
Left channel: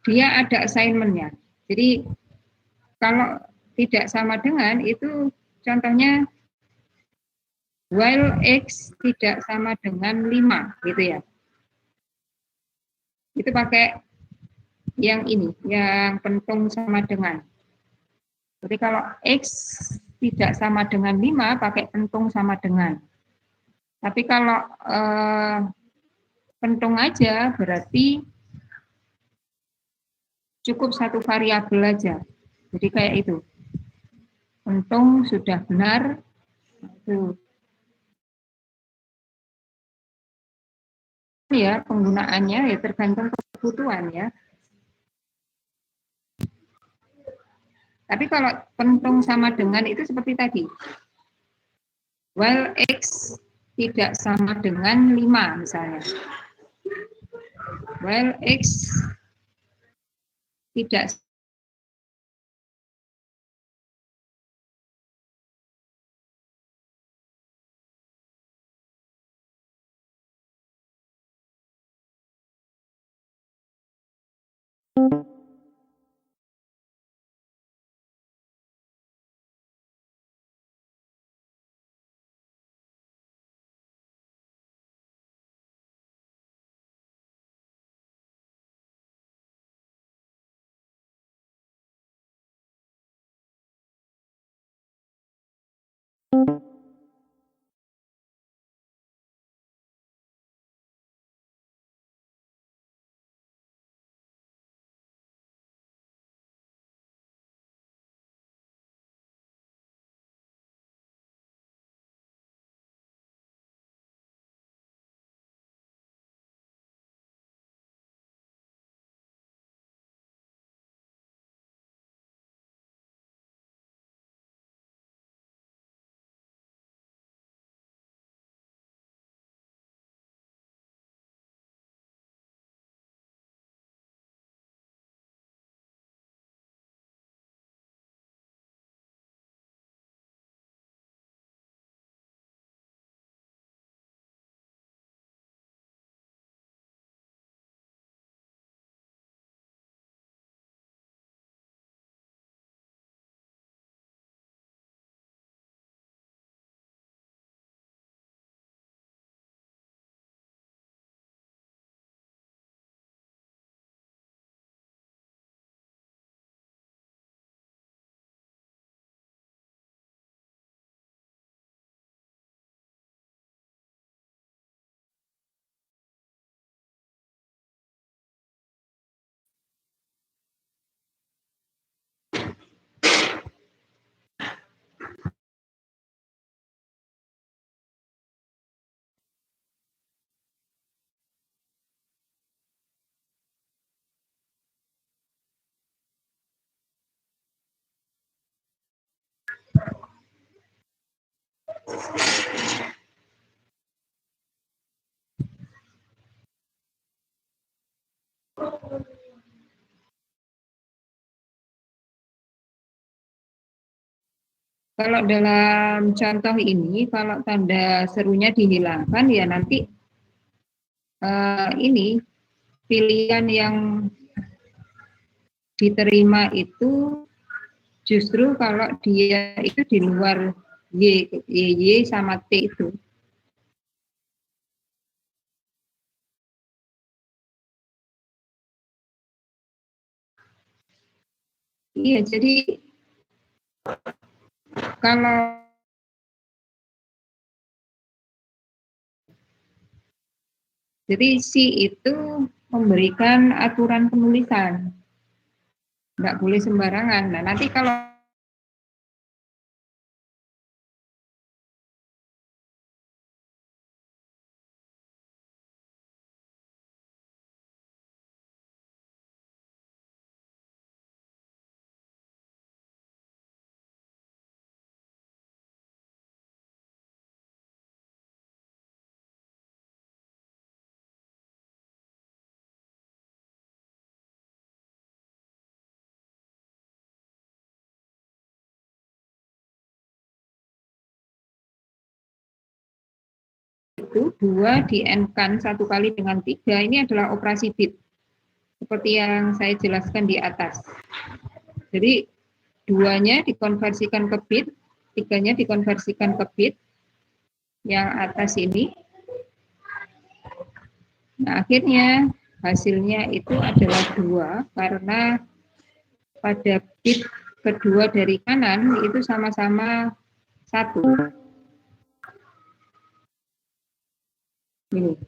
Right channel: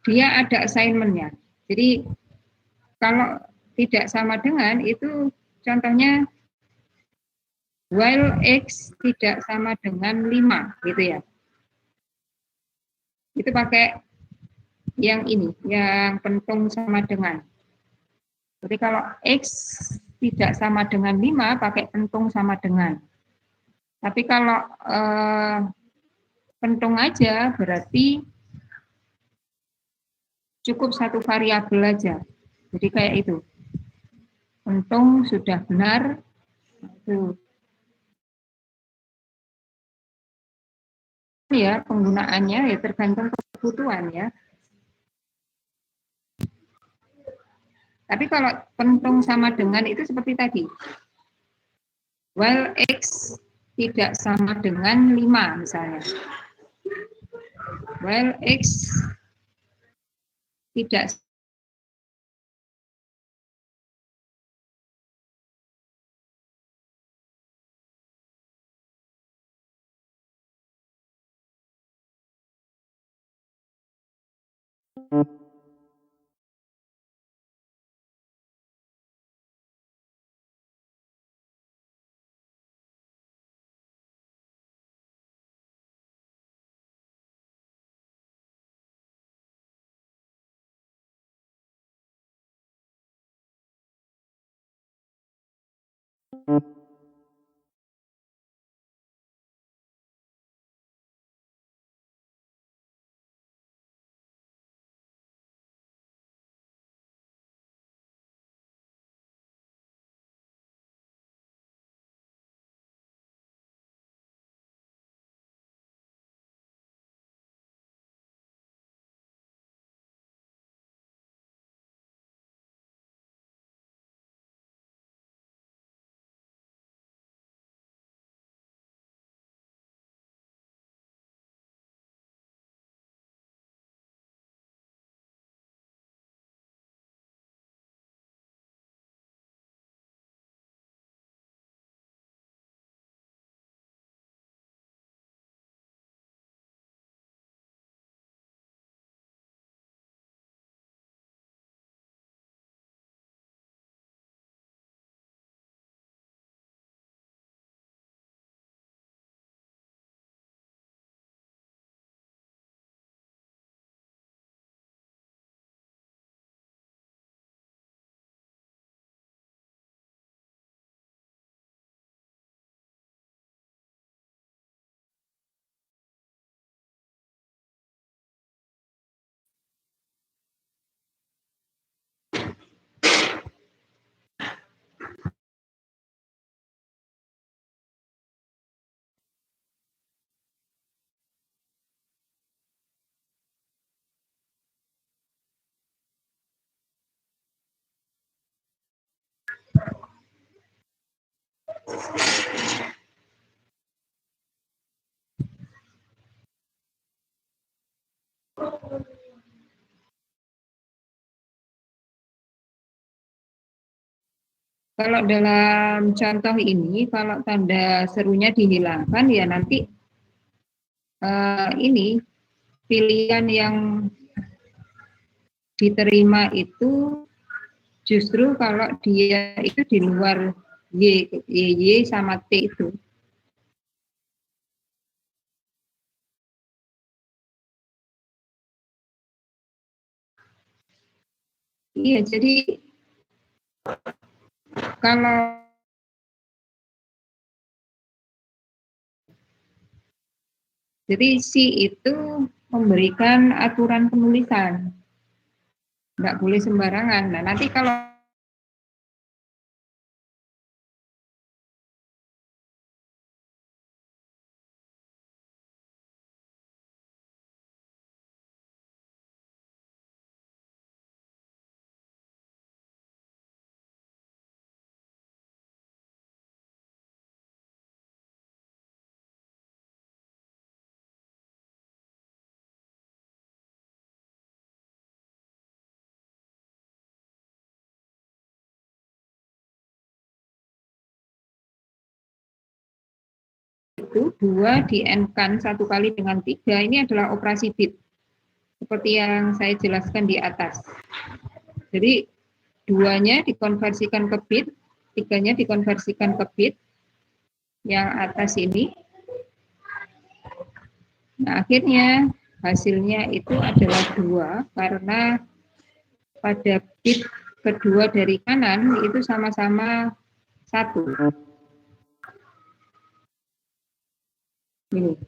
Dia ada assignment-nya. Jadi kalau tidak sama dengan itu contohnya while X tidak sama dengan 5 gitu ya. Itu pakai yang ini, yang pentung sama dengan. Jadi kalau X tidak sama dengan 5 pakai pentung sama dengan. Tapi kalau pentung aja berarti cukup satu variabel aja. Jadi kayak itu. Pentung sudah benar. Itu. Ya, penggunaannya ya tergantung kebutuhan ya. Tapi kalau pentung sama dengan itu seperti tadi. While X tidak sama dengan 5 misalnya. While X tidak Kalau dalam contoh ini, kalau tanda serunya dihilangkan, ya nanti ini pilihan yang diterima itu justru kalau dia itu di luar Y sama T itu. Iya, kalau jadi si itu memberikan aturan penulisan, nggak boleh sembarangan. Nah, nanti kalau itu 2 di-N-kan 1 kali dengan 3, ini adalah operasi bit, seperti yang saya jelaskan di atas. Jadi 2-nya dikonversikan ke bit, 3-nya dikonversikan ke bit, yang atas ini. Nah, akhirnya hasilnya itu adalah 2, karena pada bit kedua dari kanan itu sama-sama 1. Ini.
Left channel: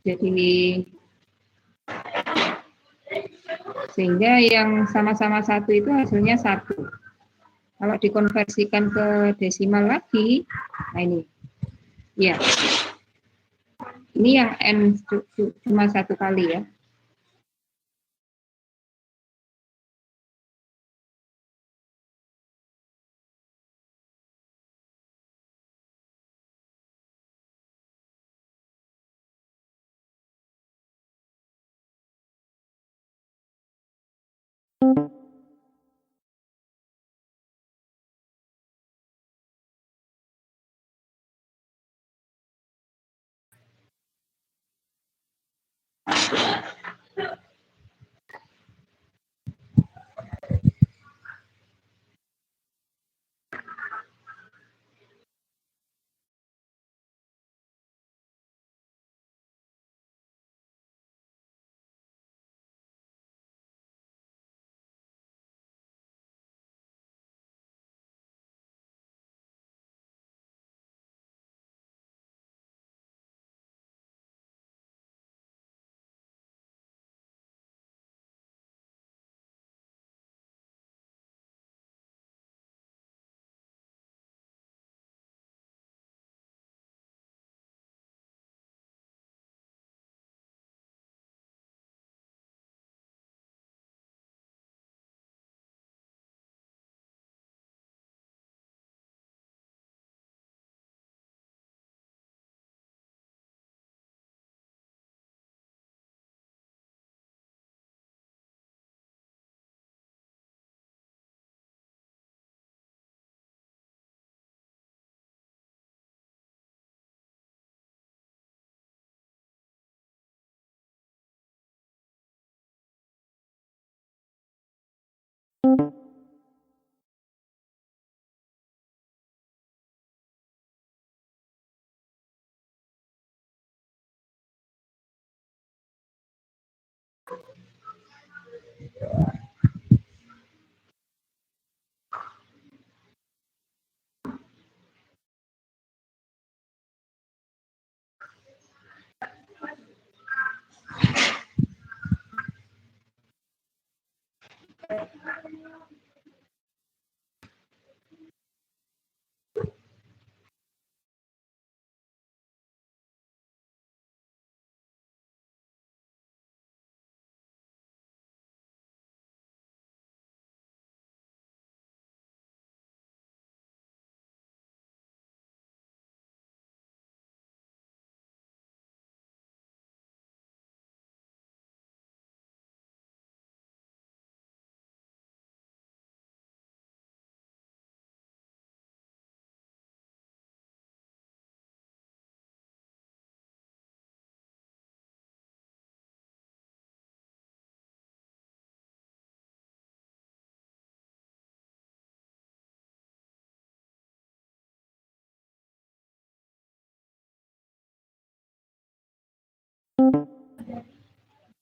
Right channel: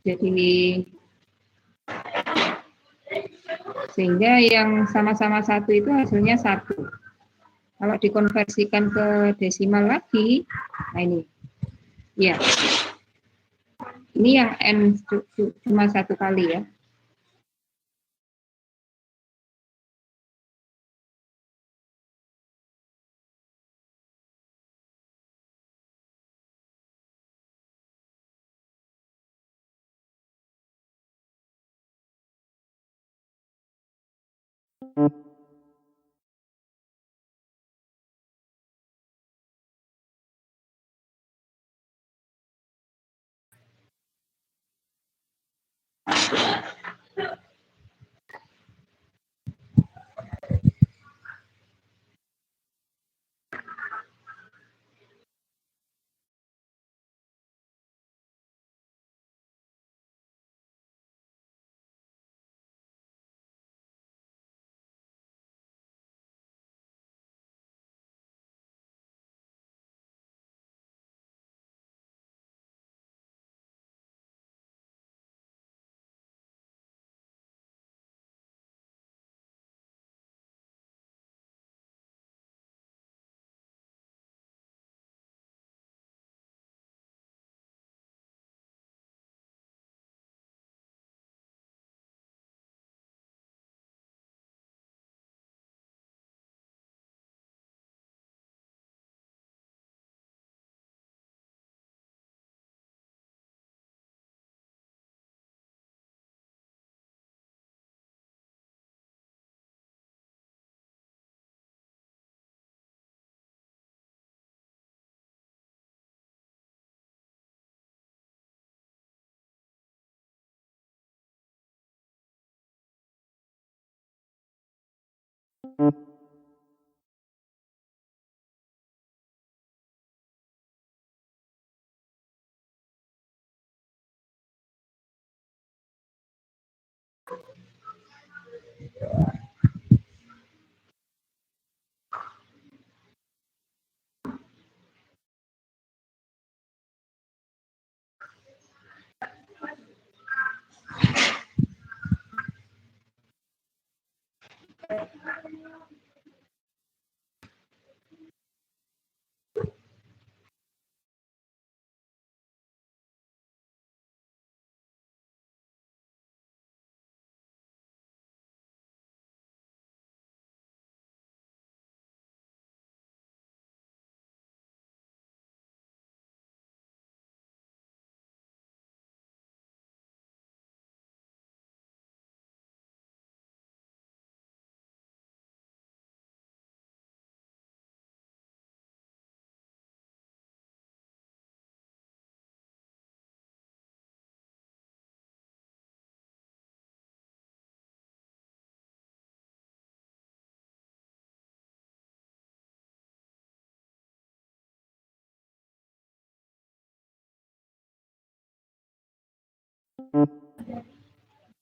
Jadi sehingga yang sama-sama 1 itu hasilnya 1. Kalau dikonversikan ke desimal lagi, nah ini, ya, ini yang N cuma 1 kali ya.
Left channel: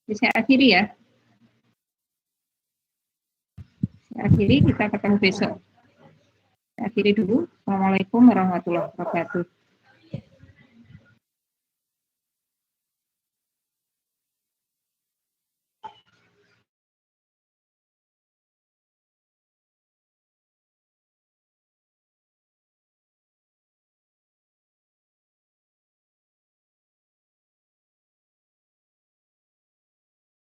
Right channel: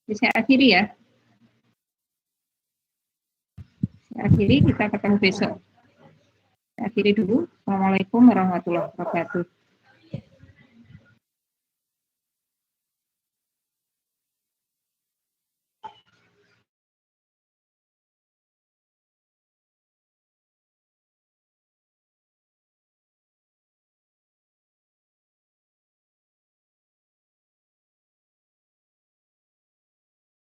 Saya akhiri ya. Saya akhiri, kita ketemu besok. Saya akhiri dulu. Assalamualaikum warahmatullahi wabarakatuh.